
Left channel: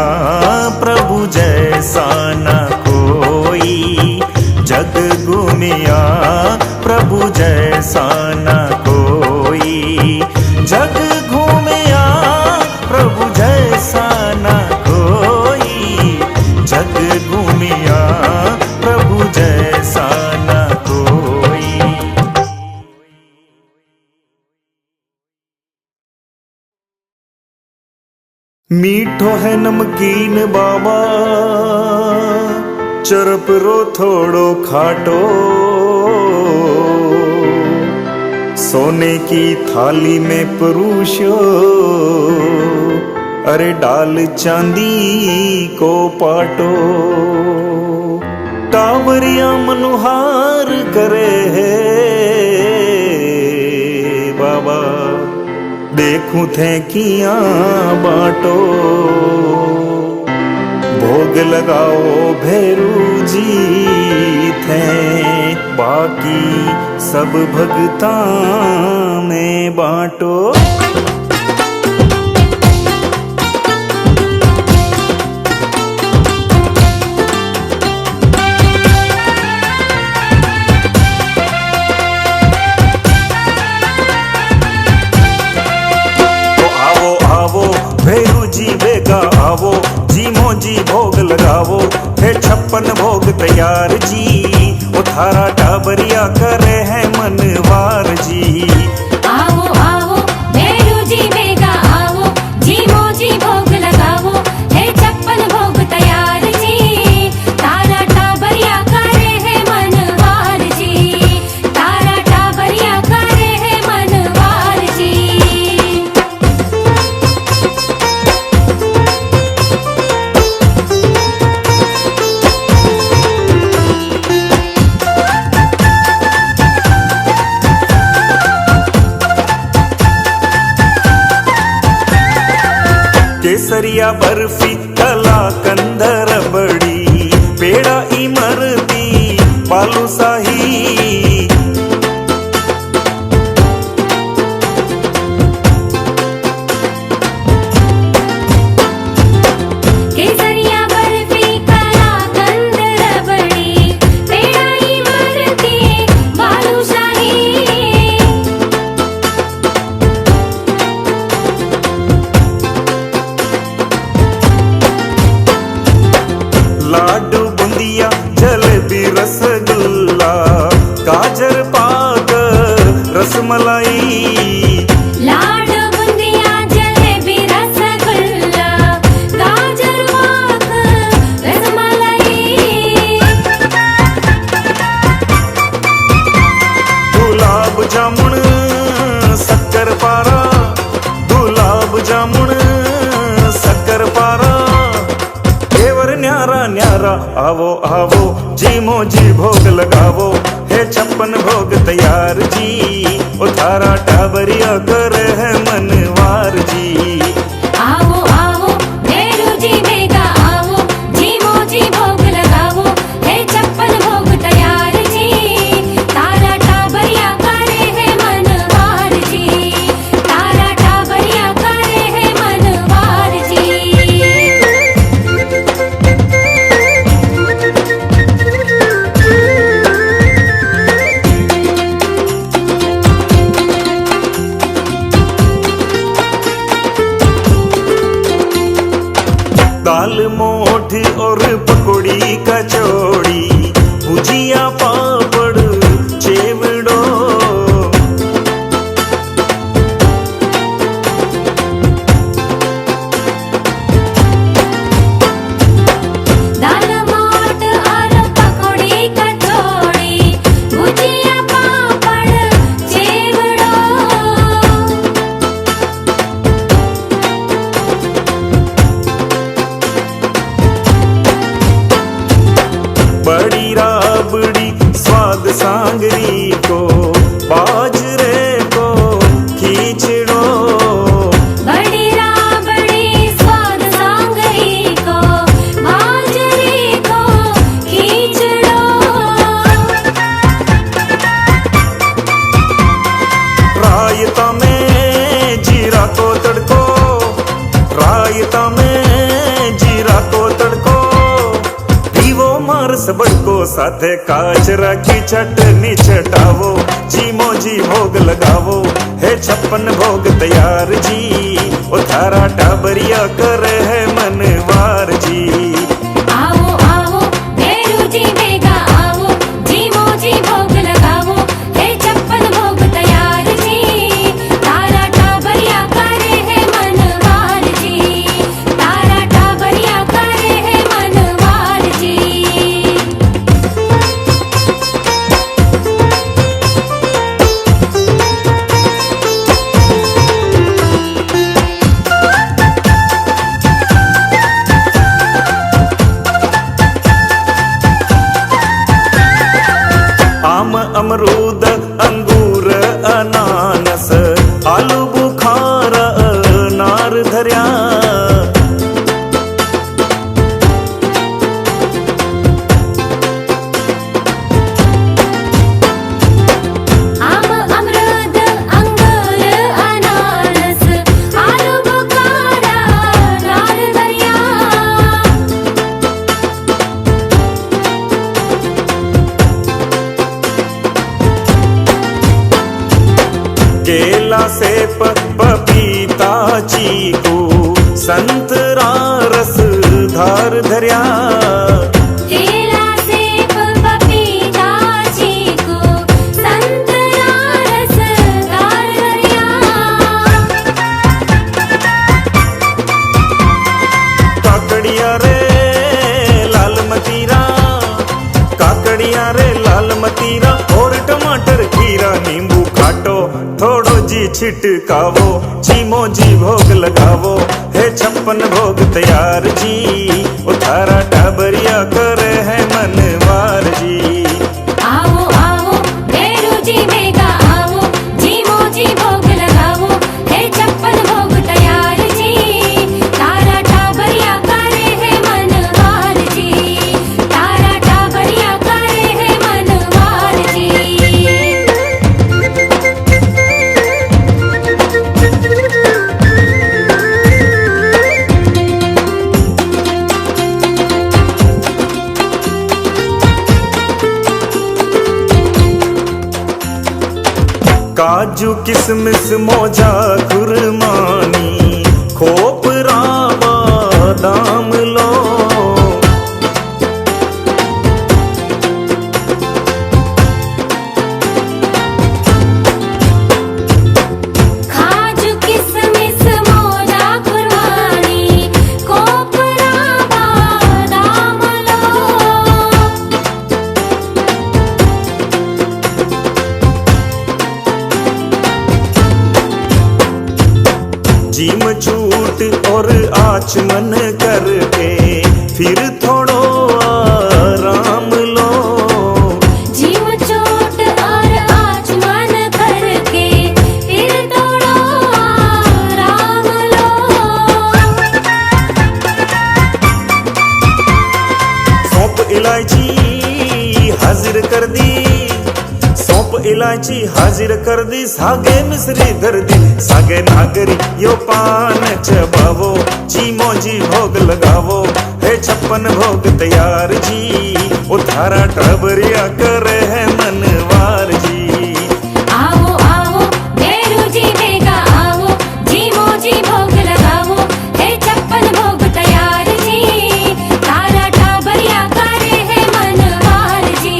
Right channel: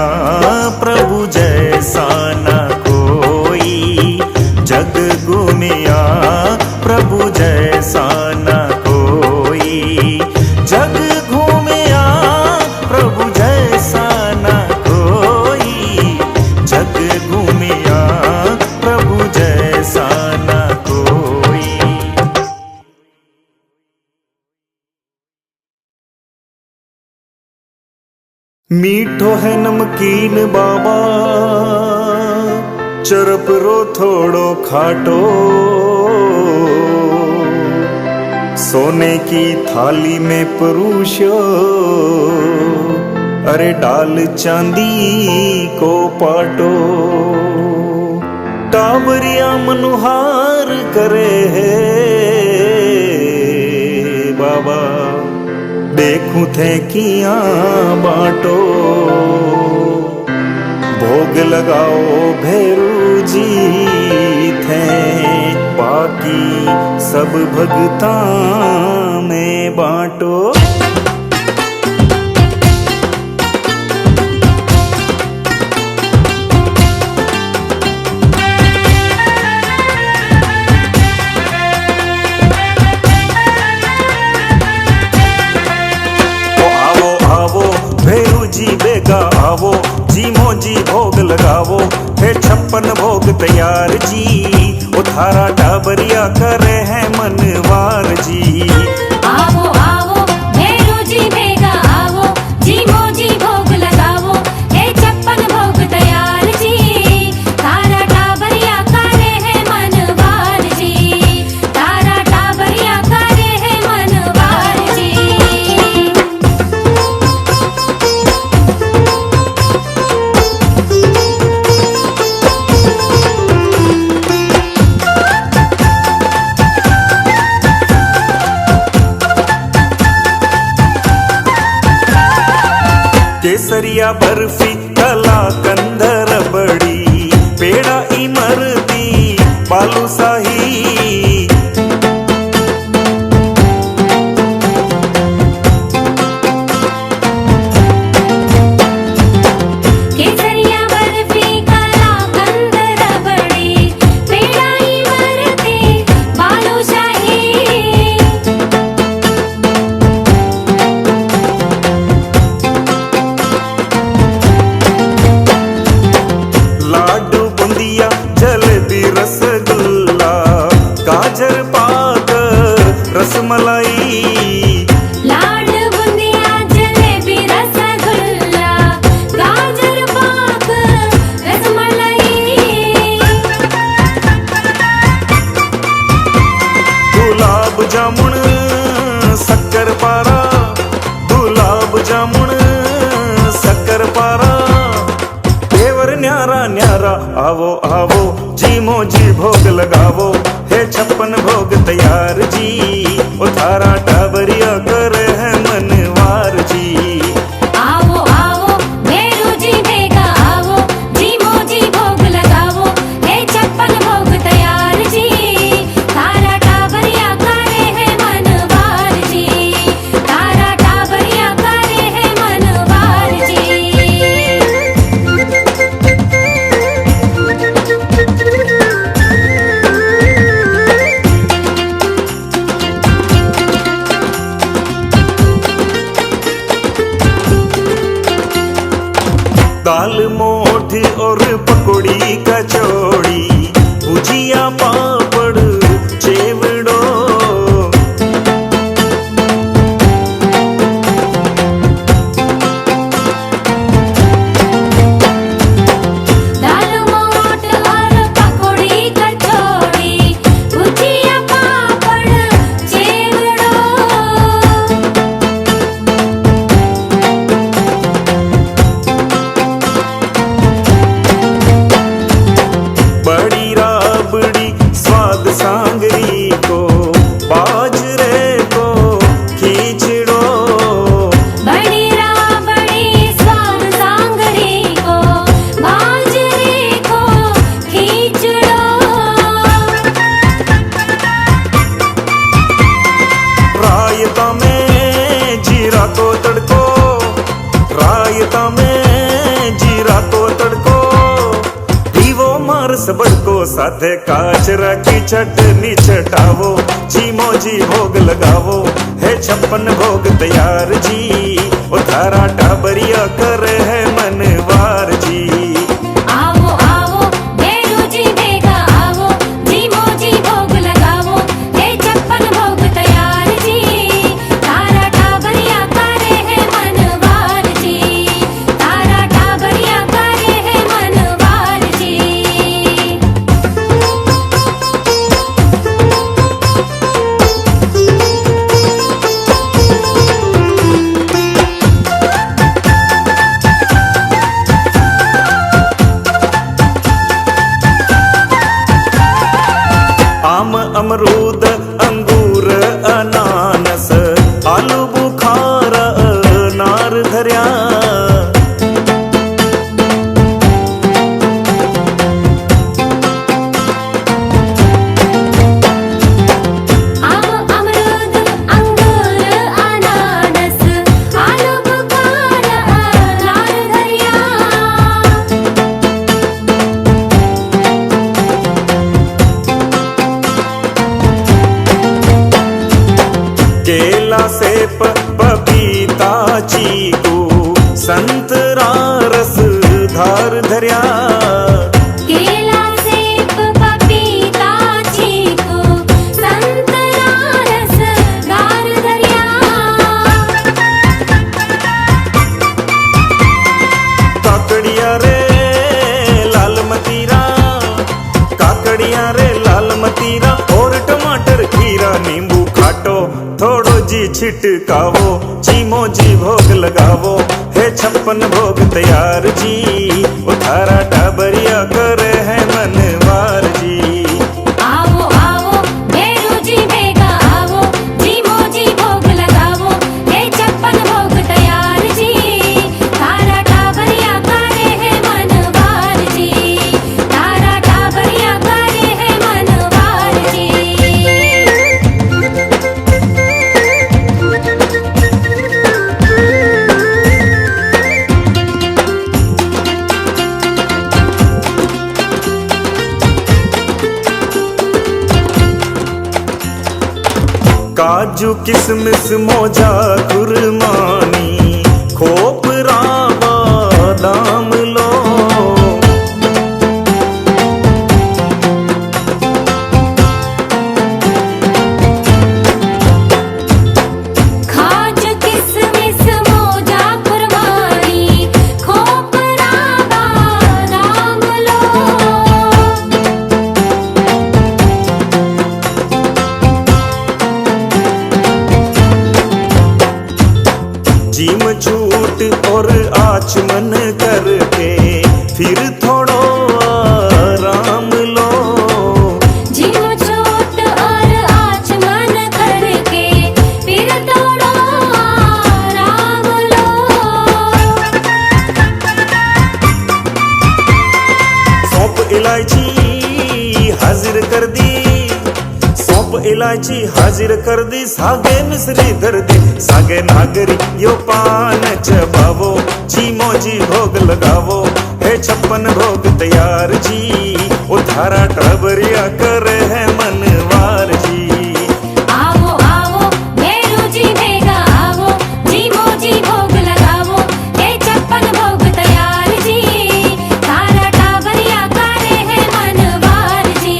प्रभु जैसा न कोई। जग घूमिया प्रभु जैसा न कोई। जग घूमिया प्रभु जैसा न कोई। जग घूमिया प्रभु जैसा न कोई। मीठो है नमकीन बाबा, चरप रो थोड़ो खाटो। सोने की थाली में परोसो, अरे डाल चांदी को पाटो। टाबरिया मनुहार करे है बाबा, देखूं थे किया बाटो। भोग लगाओ भैरू जी थे, बाकी सब भगता में बाटो। भैरू जी बेगा आवो, जी मोजी भोग लगावो। है 56 भोग तैयार जी, ओ थारा टाबरिया करे है मनवार जी। आओ आओ भैरू जी बेगा केसरिया बर्फी कलाकंद रबडी पेढा इमरती बालूशाही केसरिया बर्फी कलाकंद रबडी पेढा इमरती बालूशाही लाडू बुंदिया जलेबी रसगुल्ला गाजर पाक रसमलाई लाड बुंदिया जलेबी रसगुल्ला गाजर पाक रसमलाई गुलाब जामुन शक्कर पारा गुलाब जामुन शक्कर पारा देवर न्यारा न्यारा आवो आवो जी मोजी भोग लगावो है 56 भोग तैयार जी उधारा टाबरिया कर है मनवार जी आओ आओ नेहरू जी बेगा आओ जी मोजी भोग लगावो है 56 भोग तैयार जी तारा टाबरिया करे है मनवार जी तारा टाबरिया करे है मनवार जी दाल मोठ और पकौड़ी कचौड़ी भुजिया पापड़ चेवड़ो दाल मोठ और पकौड़ी कचौड़ी भुजिया पापड़ चेवड़ो बड़ी राबड़ी स्वाद सांगरी को बाजरे को खींचड़ो बड़ी राबड़ी स्वाद सांगरी को बाजरे को खींचड़ो रायता में जीरा को तड़को रायता में जीरा को तड़को दीवो मार सबड़को साथे काचरा की चटनी चटावो जी मोजी भोग लगावो है 56 भोग तैयार जी उधारा टाबरिया कर है मनवार जी आओ आओ नेहरू जी बेगा आओ जी मोजी भोग लगावो है 56 भोग तैयार जी तारा टाबरिया करे है मनवार जी तारा टाबरिया करे है मनवार जी आम अमरूद अंगूर अनानस आलू बुखारा नार धरिया आम अमरूद अंगूर अनानस आलू बुखारा नार धरिया केला सेब पपीता चीकू संतरा रस धार धरिया केला सेब पपीता चीकू संतरा रसदार दरिया काकड़िया रे लाल मतीरा काकड़िया रे लाल मतीरा और टमाटर खीरा नींबू खाटो थोड़ो जी छिटकावो जी मोजी भोग लगावो है 56 भोग तैयार जी उधारा टाबरिया करे है मनवार जी आओ आओ नेहरू जी बेगा आओ जी मोजी भोग लगावो है 56 भोग तैयार जी तारा काजू किसमिस मोजा खुरमानी खोपरा बादाम लो। काजू किसमिस मोजा खुरमानी खोपरा बादाम लो। जीम छूट और आचमन करके फिर थोड़ो आराम लो। जीव छूट और आचमन करके फिर थोड़ा आराम लो। सौंफ इलायची हाजिर कर दी, सौंफ इलायची हाजिर कर दी, सागे मिश्री धर दी, सागे नागरी यो पान चबावो, जी मोजी भोग लगावो, है 56 भोग तैयार जी, ओ थारा टबरिया करे है मनवार जी। आओ आओ भैरू जी बेगा आओ, जी मोजी भोग लगावो, है 56 भोग तैयार जी, तारा टाबरिया करे है मनवार जी,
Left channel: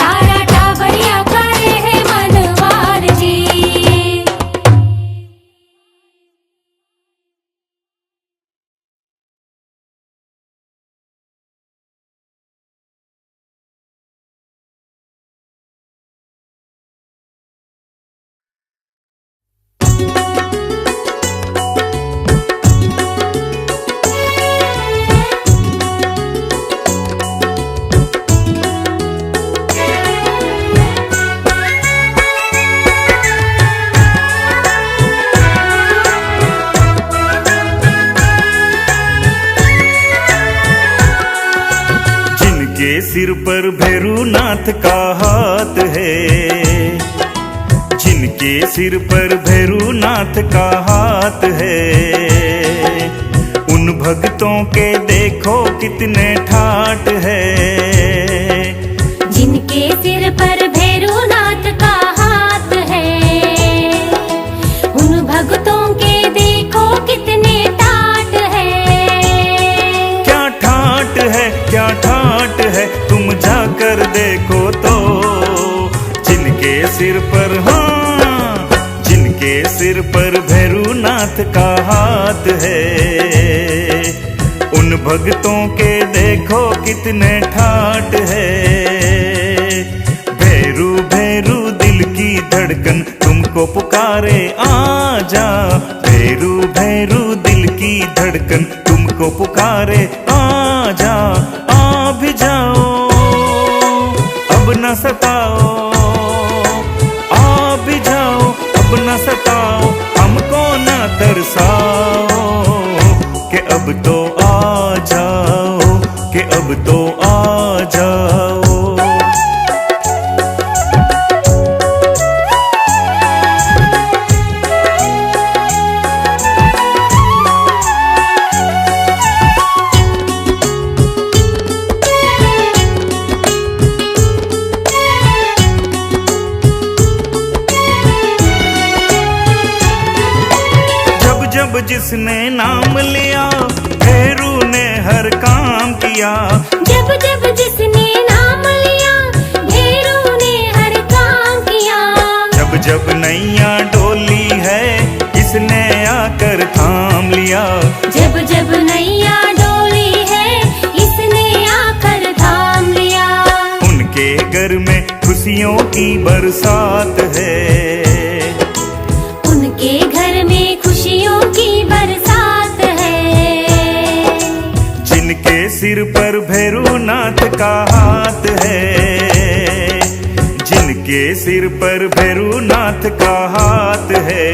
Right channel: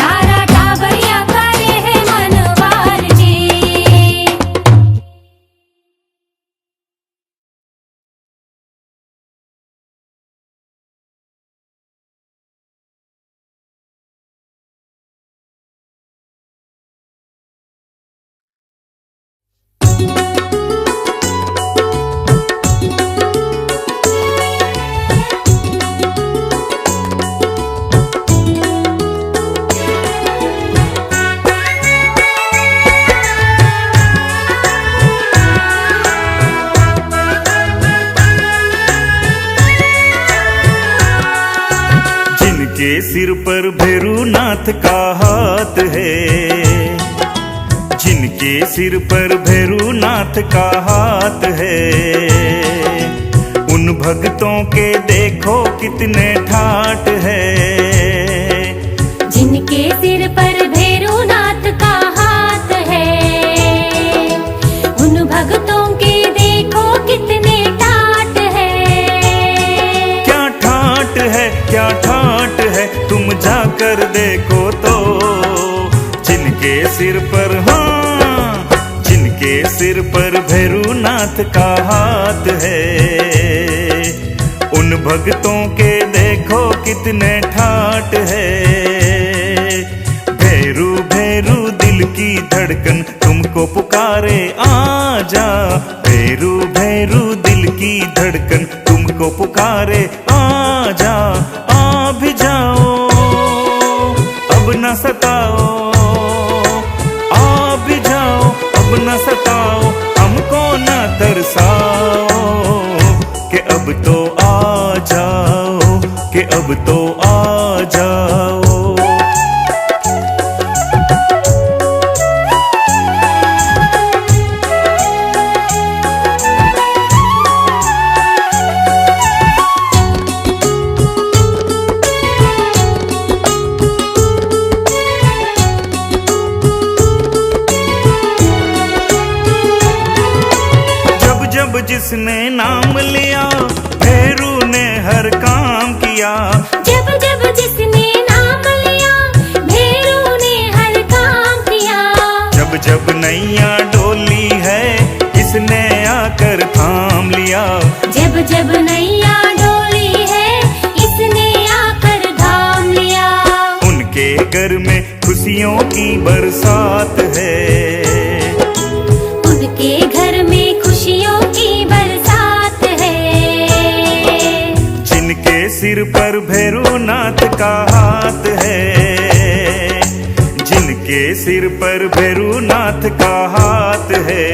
तारा टाबरिया करे है मनवार जी। जिनके सिर पर भैरूनाथ का हाथ है, जिनके सिर पर भैरूनाथ का हाथ है, उन भक्तों के देखो कितने ठाट है। जिनके सिर पर भैरूनाथ का हाथ है, उन भक्तों के देखो कितने ठाट है। क्या ठाट है, क्या ठाट है, तुम जाकर देखो तो, जिनके सिर पर, हाँ, जिनके सिर पर भैरूनाथ का हाथ है, उन भक्तों के देखो कितने ठाट है। भैरू भैरू दिल की धड़कन तुमको पुकारे आ जा, भैरू भैरू दिल की धड़कन तुमको पुकारे आ जा, आ भी जाओ अब न सताओ, आ भी जाओ अब न सताओ, हमको न तरसाओ, कि अब तो आ जाओ, कि अब तो आ जाओ। जब जिसने नाम लिया भैरू ने हर काम किया, जब जब जिसने नाम लिया भैरू ने हर काम किया, जब जब नैया डोली है इसने आकर थाम लिया, जब जब नैया डोली है इसने आकर थाम लिया। उनके घर में खुशियों की बरसात है, उनके घर में खुशियों की बरसात है। जिनके सिर पर भैरूनाथ का हाथ है, जिनके सिर पर भैरूनाथ का हाथ है,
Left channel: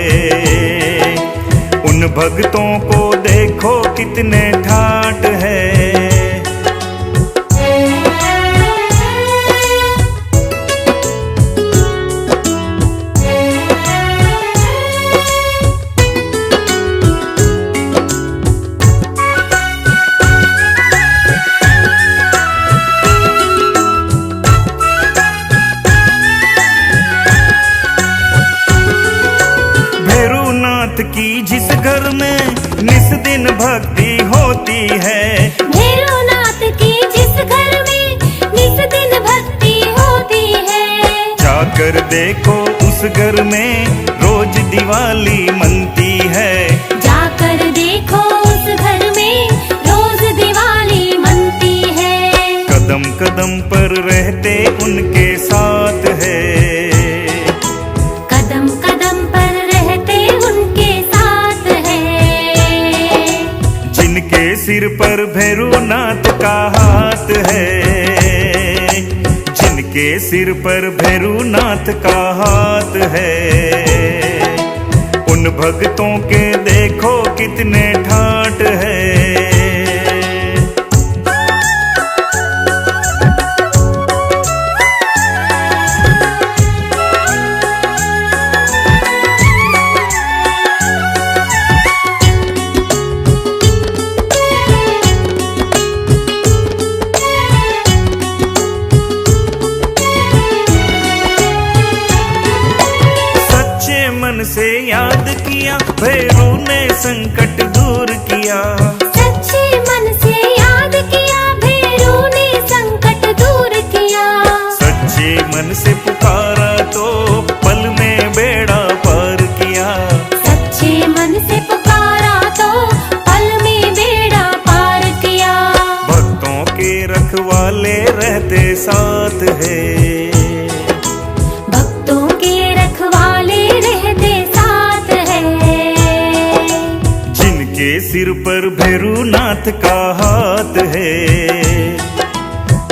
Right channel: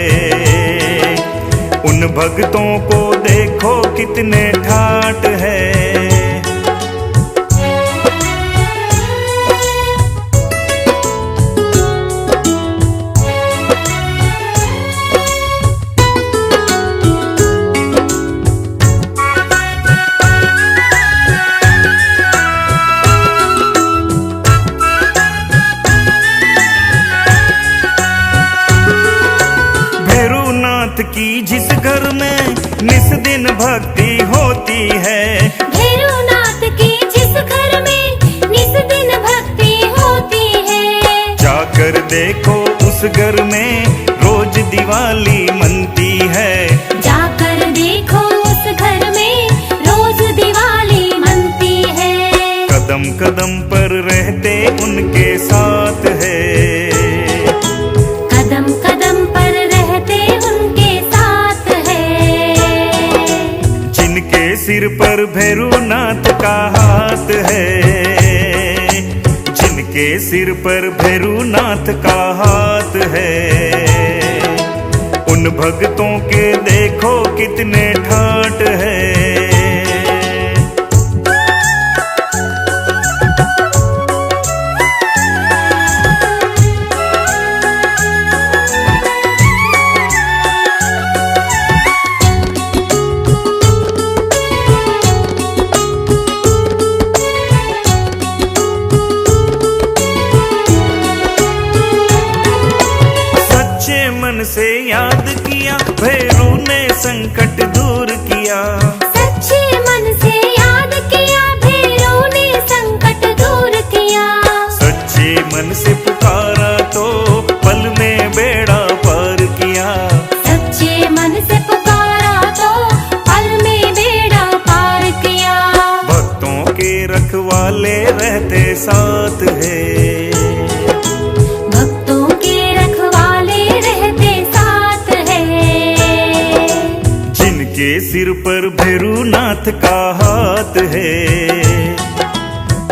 उन भक्तों को देखो कितने ठाट है। भक्ति होती है। भैरवनाथ की जिस घर में निस दिन भक्ति होती है, जाकर देखो उस घर में रोज दिवाली मनती है। जाकर देखो उस घर में रोज दिवाली मनती है। कदम कदम पर रहते उनके साथ है, कदम कदम पर रहते उनके साथ है। जिनके सिर पर भैरवनाथ का हाथ है, जिनके सिर पर भैरवनाथ का हाथ है। उन भक्तों के देखो कितने ठाट है। मन से याद किया भैरू ने संकट दूर किया। सच्चे मन से याद किया भैरू ने संकट दूर किया। सच्चे मन से पुकारा तो पल में बेड़ा पार किया। सच्चे मन से पुकारा तो पल में बेड़ा पार किया। भक्तों के रखवाले रहते साथ है, जिनके सिर पर भैरवनाथ का हाथ है,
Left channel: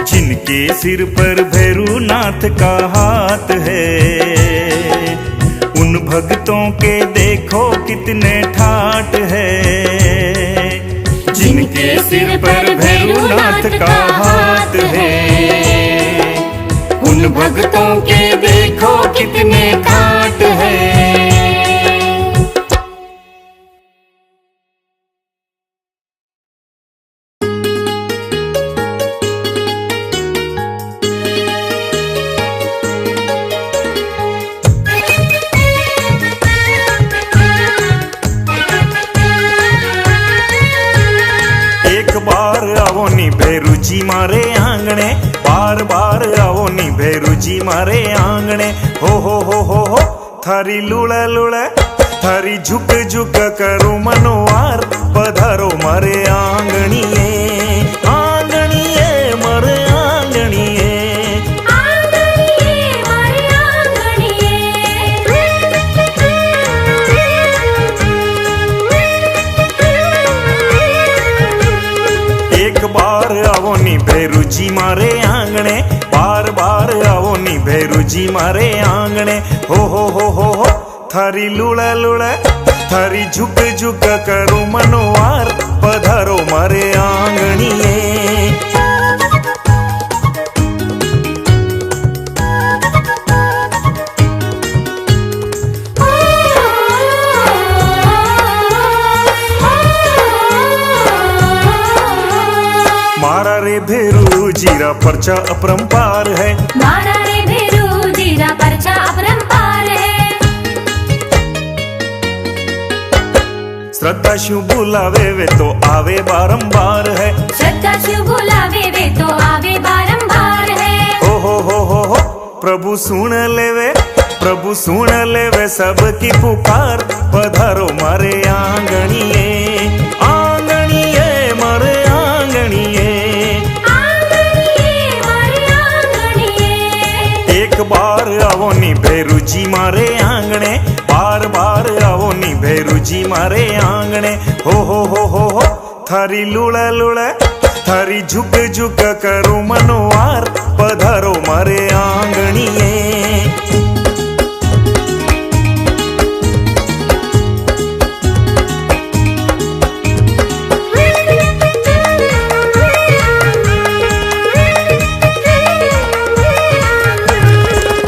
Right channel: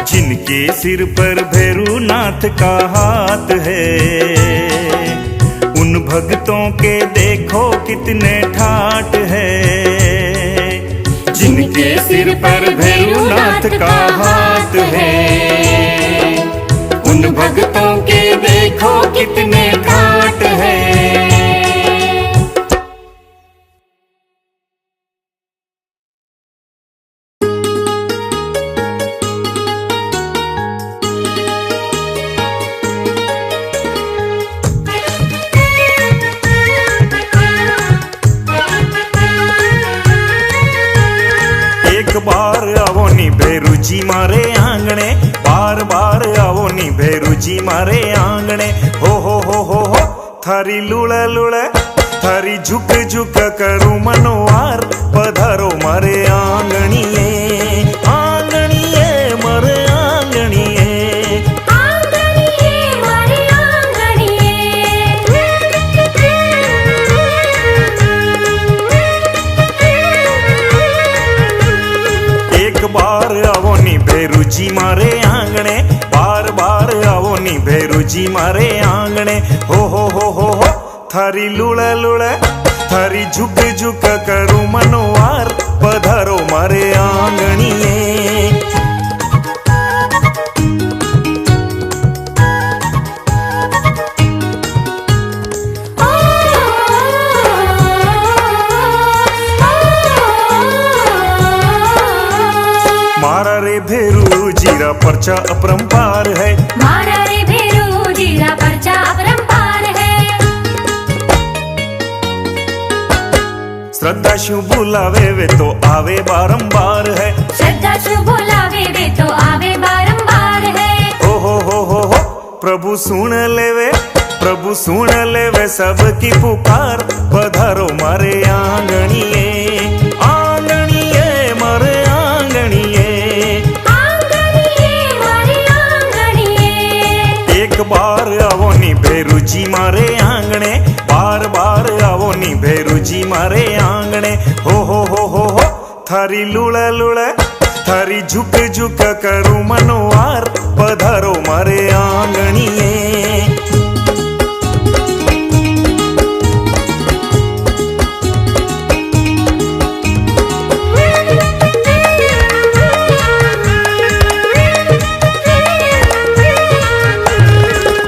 जिनके सिर पर भैरवनाथ का हाथ है। उन भक्तों के देखो कितने ठाट है, जिनके सिर पर भैरवनाथ का हाथ है। उन भक्तों के देखो कितने ठाट है। एक बार आवो नी भैरू जी मारे आंगणे, बार बार आवो नी भैरू जी मारे आंगणे। हो थारी लुड़ा लुड़ा थारी झुक झुक करूं मनोवार, पधारो मारे आंगणीए, आंगणीए मारे आंगणीए। एक बार आवो नी भैरू जी मारे आंगणे, बार बार आवो नी भैरू जी मारे आंगणे। हो थारी लुड़ा लुड़ा थारी झुक झुक करूं मनोवार, पधारो मारे आंगणीए। मारा रे भैरू जीरा पर्चा अपरंपार है, मारा रे भैरू जीरा पर्चा अपरंपार है। श्रद्धा शिव बुलावे वे तो आवे बारंबार है, श्रद्धा शिव बुलावे वे तो आवे बारंबार है। हो प्रभु सुन लेवे, प्रभु सुन लेवे सबकी पुकार, पधारो मारे आंगणीए, आंगणीए मारे आंगणीए। एक बार आवो नी भैरू जी मारे आंगणे, बार बार आवो नी भैरू जी मारे आंगणे। हो थारी लुड़ा लुड़ा थारी झुक झुक करूं मनोवार, पधारो मारे आंगणीए।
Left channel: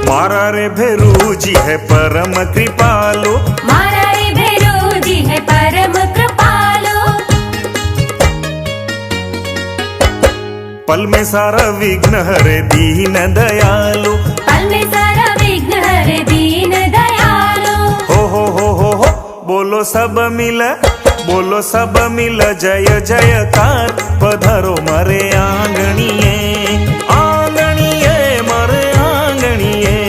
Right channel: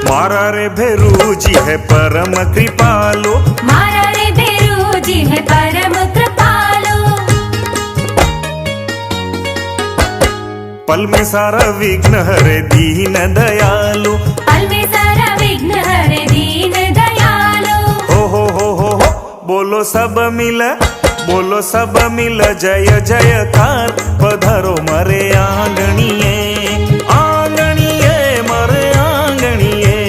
मारा रे भैरू जी है परम कृपालु, मारा रे भैरू जी है परम कृपालु। पल में सारा विघ्न हरे दीन दयालु, पल में सारा विघ्न हरे दीन दयालु। हो बोलो सब मिल, बोलो सब मिल जय जयकार, पधारो मारे आंगणीए, आंगणीए मारे आंगणीए।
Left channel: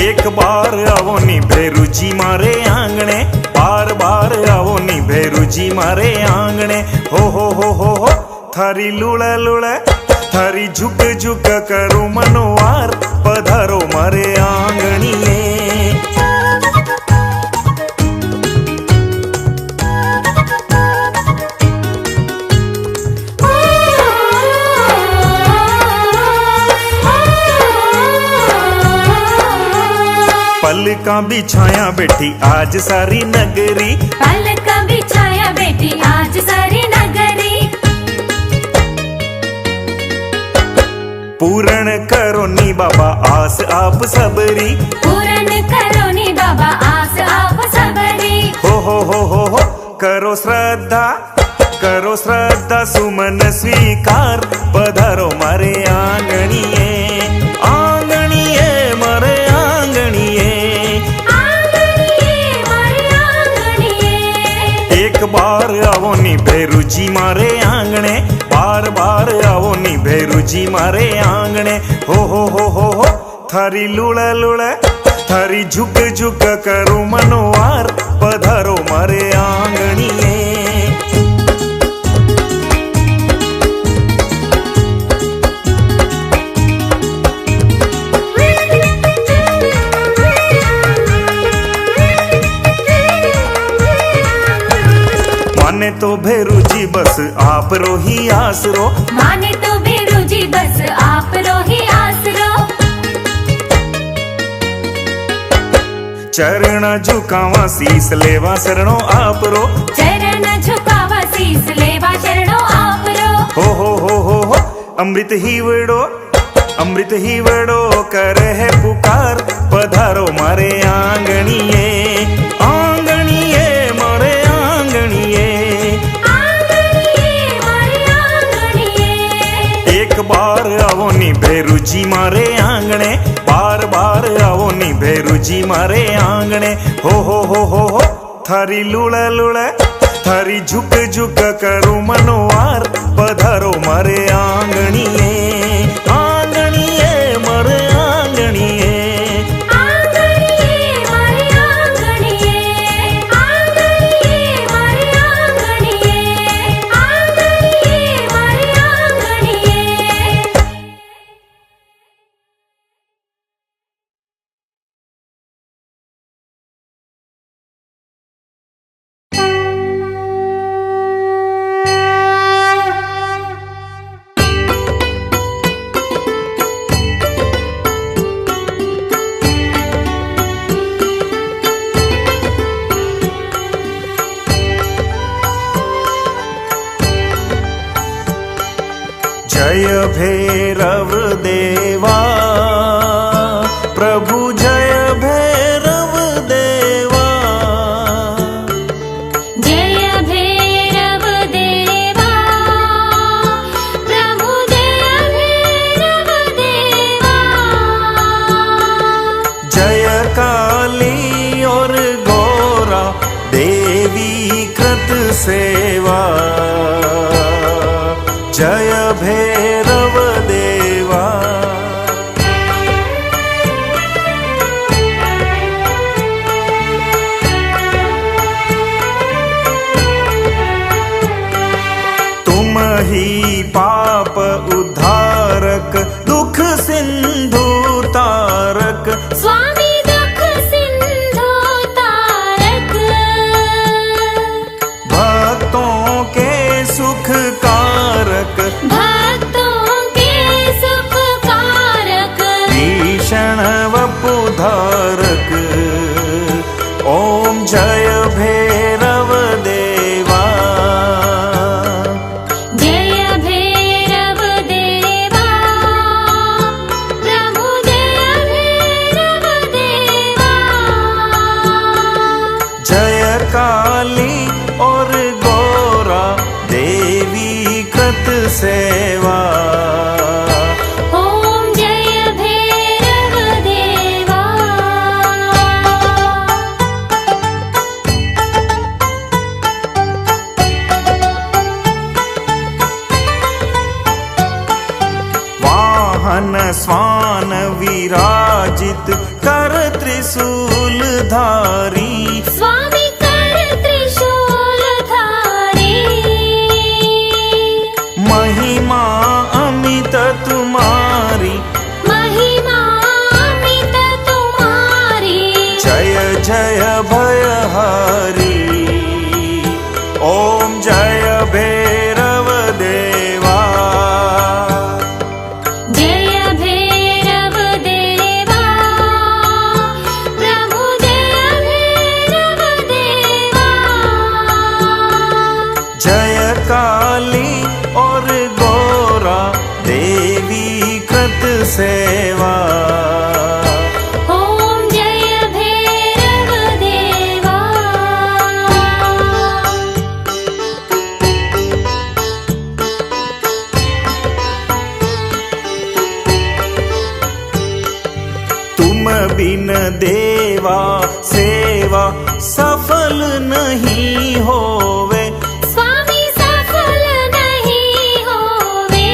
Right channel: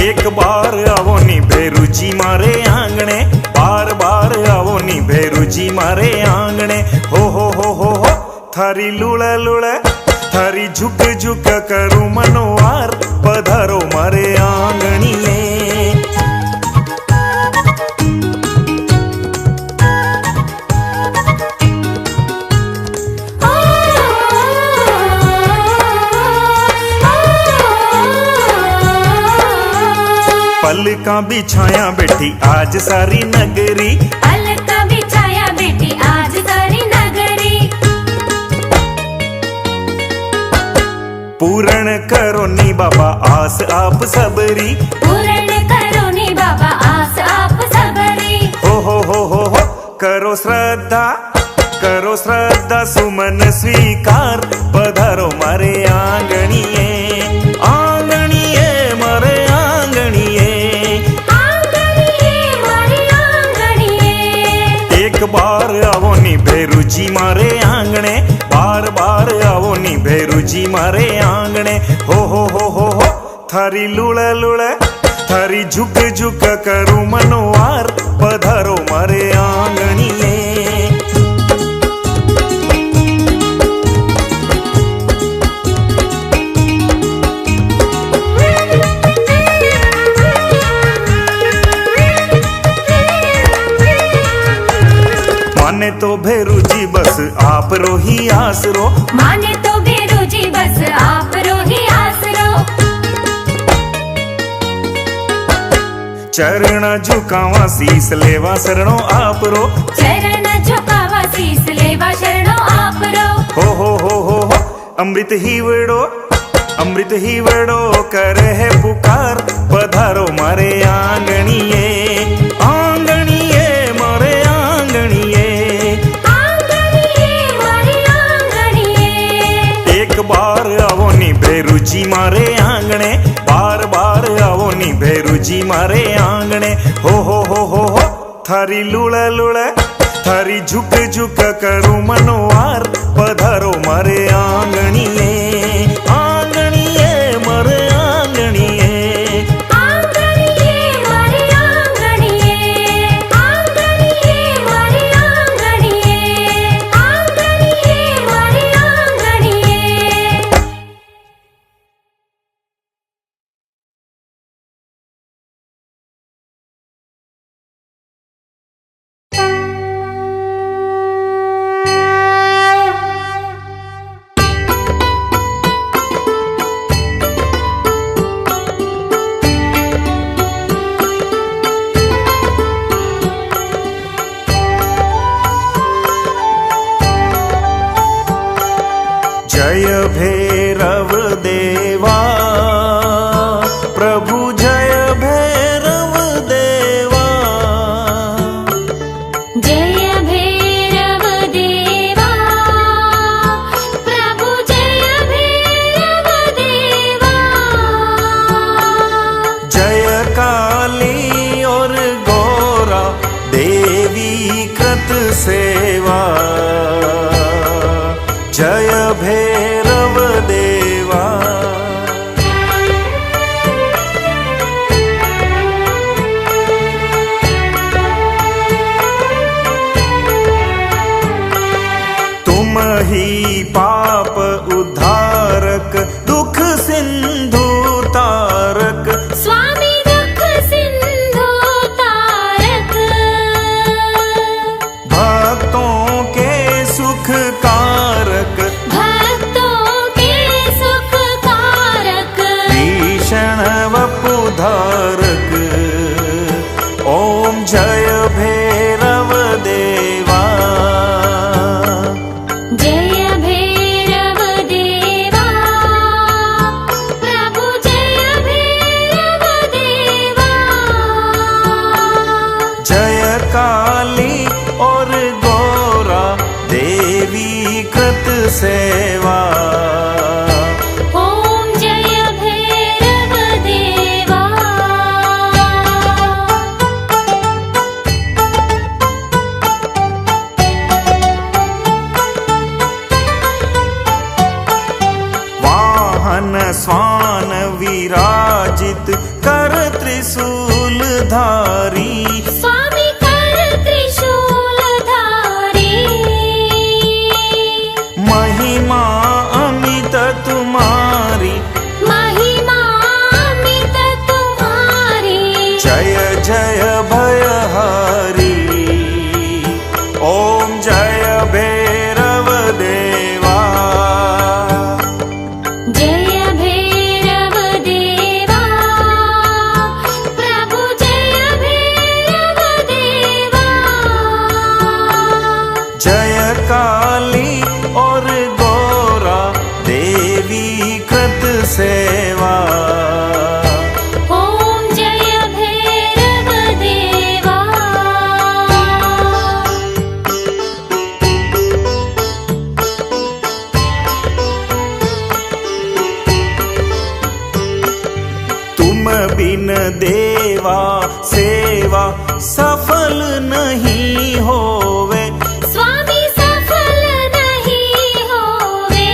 एक बार आवो नी भेरूजी मारे आंगणे, बार बार आवो नी भेरूजी मारे आंगणे। हो थारी लुळ लुळ, थारी झुक झुक करू मनोवार, पधारो मारे आंगणीए। पलका बिछाया बैठी आज सारी नगरी, पलका बिछाया बेटी आज सारी नगरी। पूर्ण करो नी बाबा आस आप सबरी, पूर्ण करो नी बाबा आस आप सबरी। हो करो श्रद्धा, करो श्रद्धा सुमन स्वीकार, पधारो मारे आंगणीए, आंगणीए मारे आंगणीए। एक बार आवो नी भेरूजी मारे आंगणे, बार बार आवो नी भेरूजी मारे आंगणे। हो थारी लुळ लुळ, थारी झुक झुक करू मनोवार, पधारो मारे आंगणीए। माने तो भेरूजी बस आप रो ही आसरो, माने तो भेरूजी बस आप रो ही आसरो। चरण झुकावा शीस लेवा शरणो आप रो, चरण झुकावा शीस लेवा शरणो आप रो। हो अमृत ही वेड़ो, अमृत ही वेड़ो करे है पुकार, पधारो मारे आंगणीए, आंगणीए मारे आंगणीए। एक बार आवो नी भेरूजी मारे आंगणे, बार बार आवो नी भेरूजी मारे आंगणे। हो थारी लुळ लुळ, थारी झुक झुक करू मनोवार, पधारो मारे आंगणीए, आंगणीए मारे आंगणीए। जय भैरव देवा, प्रभु जय भैरव देवा। जय भैरव देवा, प्रभु जय भैरव देवा। जय काली और गौरा देवी कृत सेवा, जय भैरव देवा। तुम ही पाप उद्धारक, दुख सिंधु तारक, स्वामी दुख सिंधु तारक। भक्तों के सुख कारक, भक्तों के सुख कारक। भीषण वपुधारक, ओम जय भैरव देवा। जय भैरव देवा, प्रभु जय भैरव देवा। जय काली और गौरा देवी कृत सेवा। ओम जय भैरव देवा। मन स्वान विराजित कर त्रिशूल धारी स्वामी कर त्रिशूलधारी महिमा अमित तुम्हारी महिमा अमित तुम्हारी जय जय भयहारी ओम जय भैरव देवा जय भैरव देवा प्रभु जय भैरव देवा जय काली और गौरा देवी कृत सेवा ओम जय भैरव देवा तुम बिन देवा सेवा सफल नहीं होवे स्वामी सफल नहीं होवे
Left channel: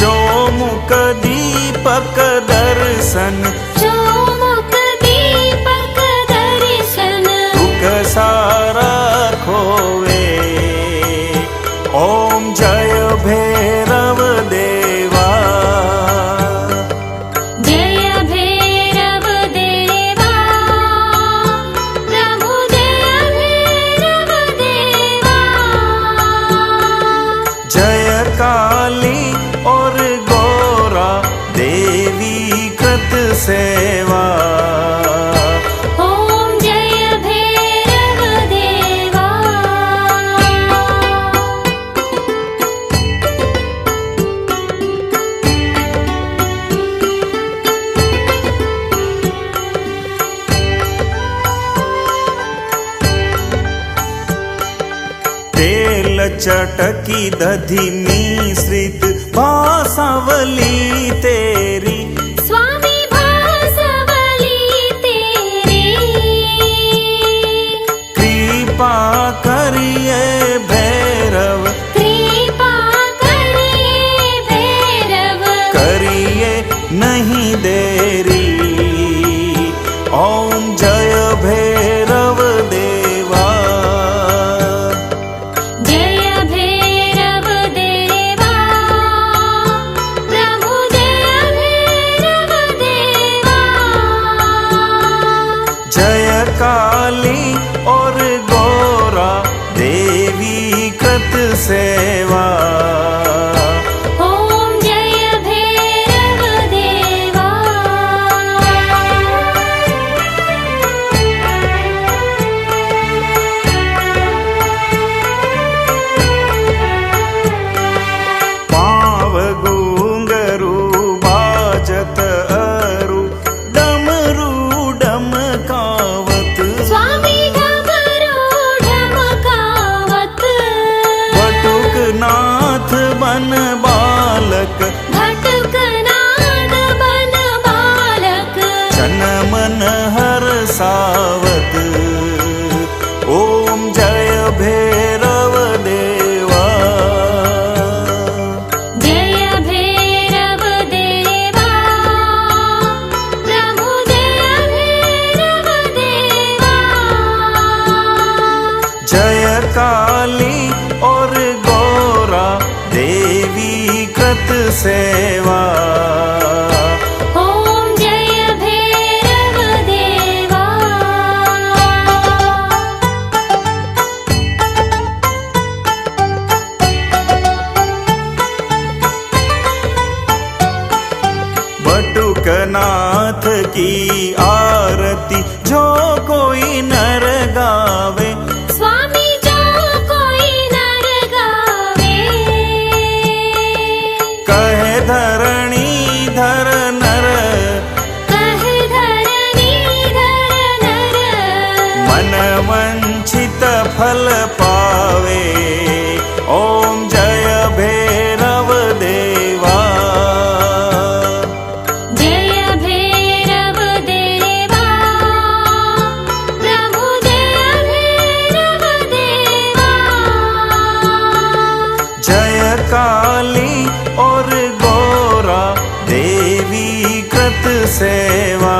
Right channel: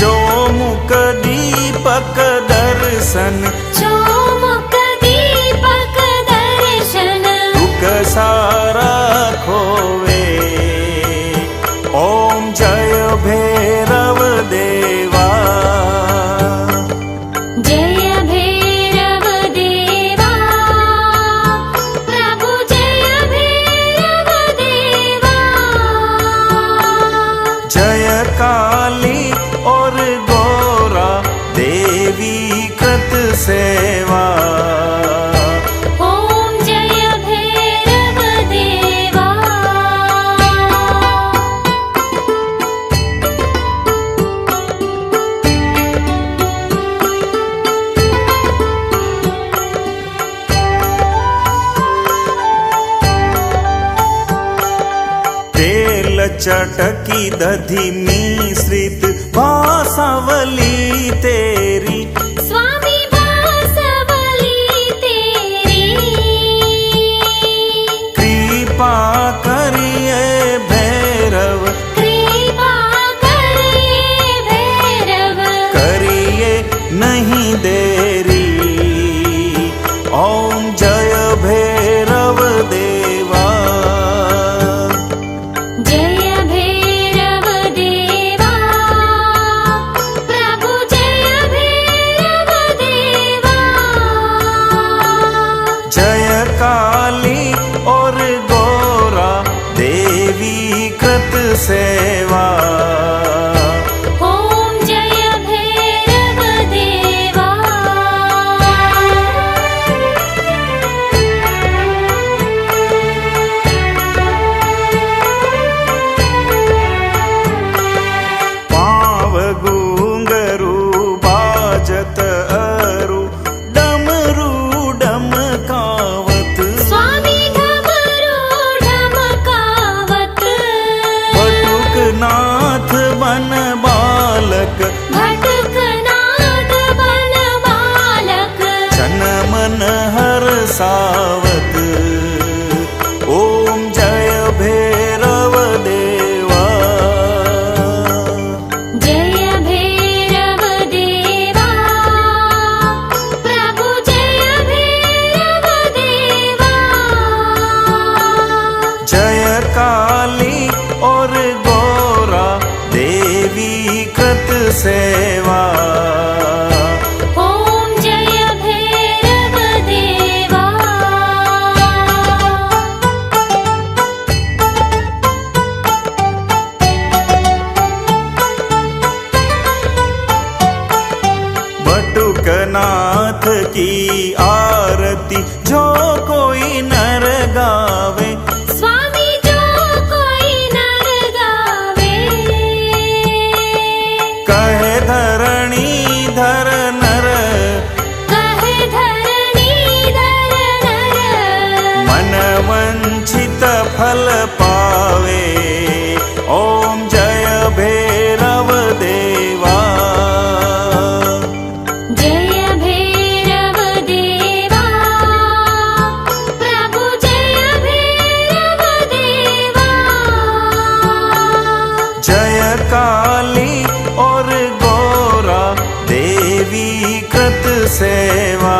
चौमुख दीपक दर्शन चौमुख दीपक दर्शन दुख सारा खोवे ओम जय भैरव देवा जय भैरव देवा प्रभु जय भैरव देवा जय काली और गौरा देवी कृत सेवा ओम जय भैरव देवा तेल चटकी दधि मिश्रित भासावली तेरी स्वामी बांसवली तेरी कृपा करिए भैरव कृपा करिए भैरव करिए नहीं देरी ओम जय भैरव देवा जय भैरव देवा प्रभु जय भैरव देवा जय काली और गौरा देवी कृत सेवा ओम जय भैरव देवा पाव गूंगरू बाजत अरु डमरू डमकावत स्वामी घमरू ढमकावत बटुक नाथ बन बालक भटकनाथ बन बालक जन मन हर सावत ओम जय भैरव देवा जय भैरव देवा प्रभु जय भैरव देवा जय काली और गौरा देवी कृत सेवा ओम जय भैरव देवा बटुकनाथ की आरती जो कोई नर गावे स्वामी जो कोई नर गावे कहे धरणी धर नर कहे धरणी धर नर मन वंचित फल पावे ओम जय भैरव देवा जय भैरव देवा प्रभु जय भैरव देवा जय काली और गौ देवी कृत सेवा।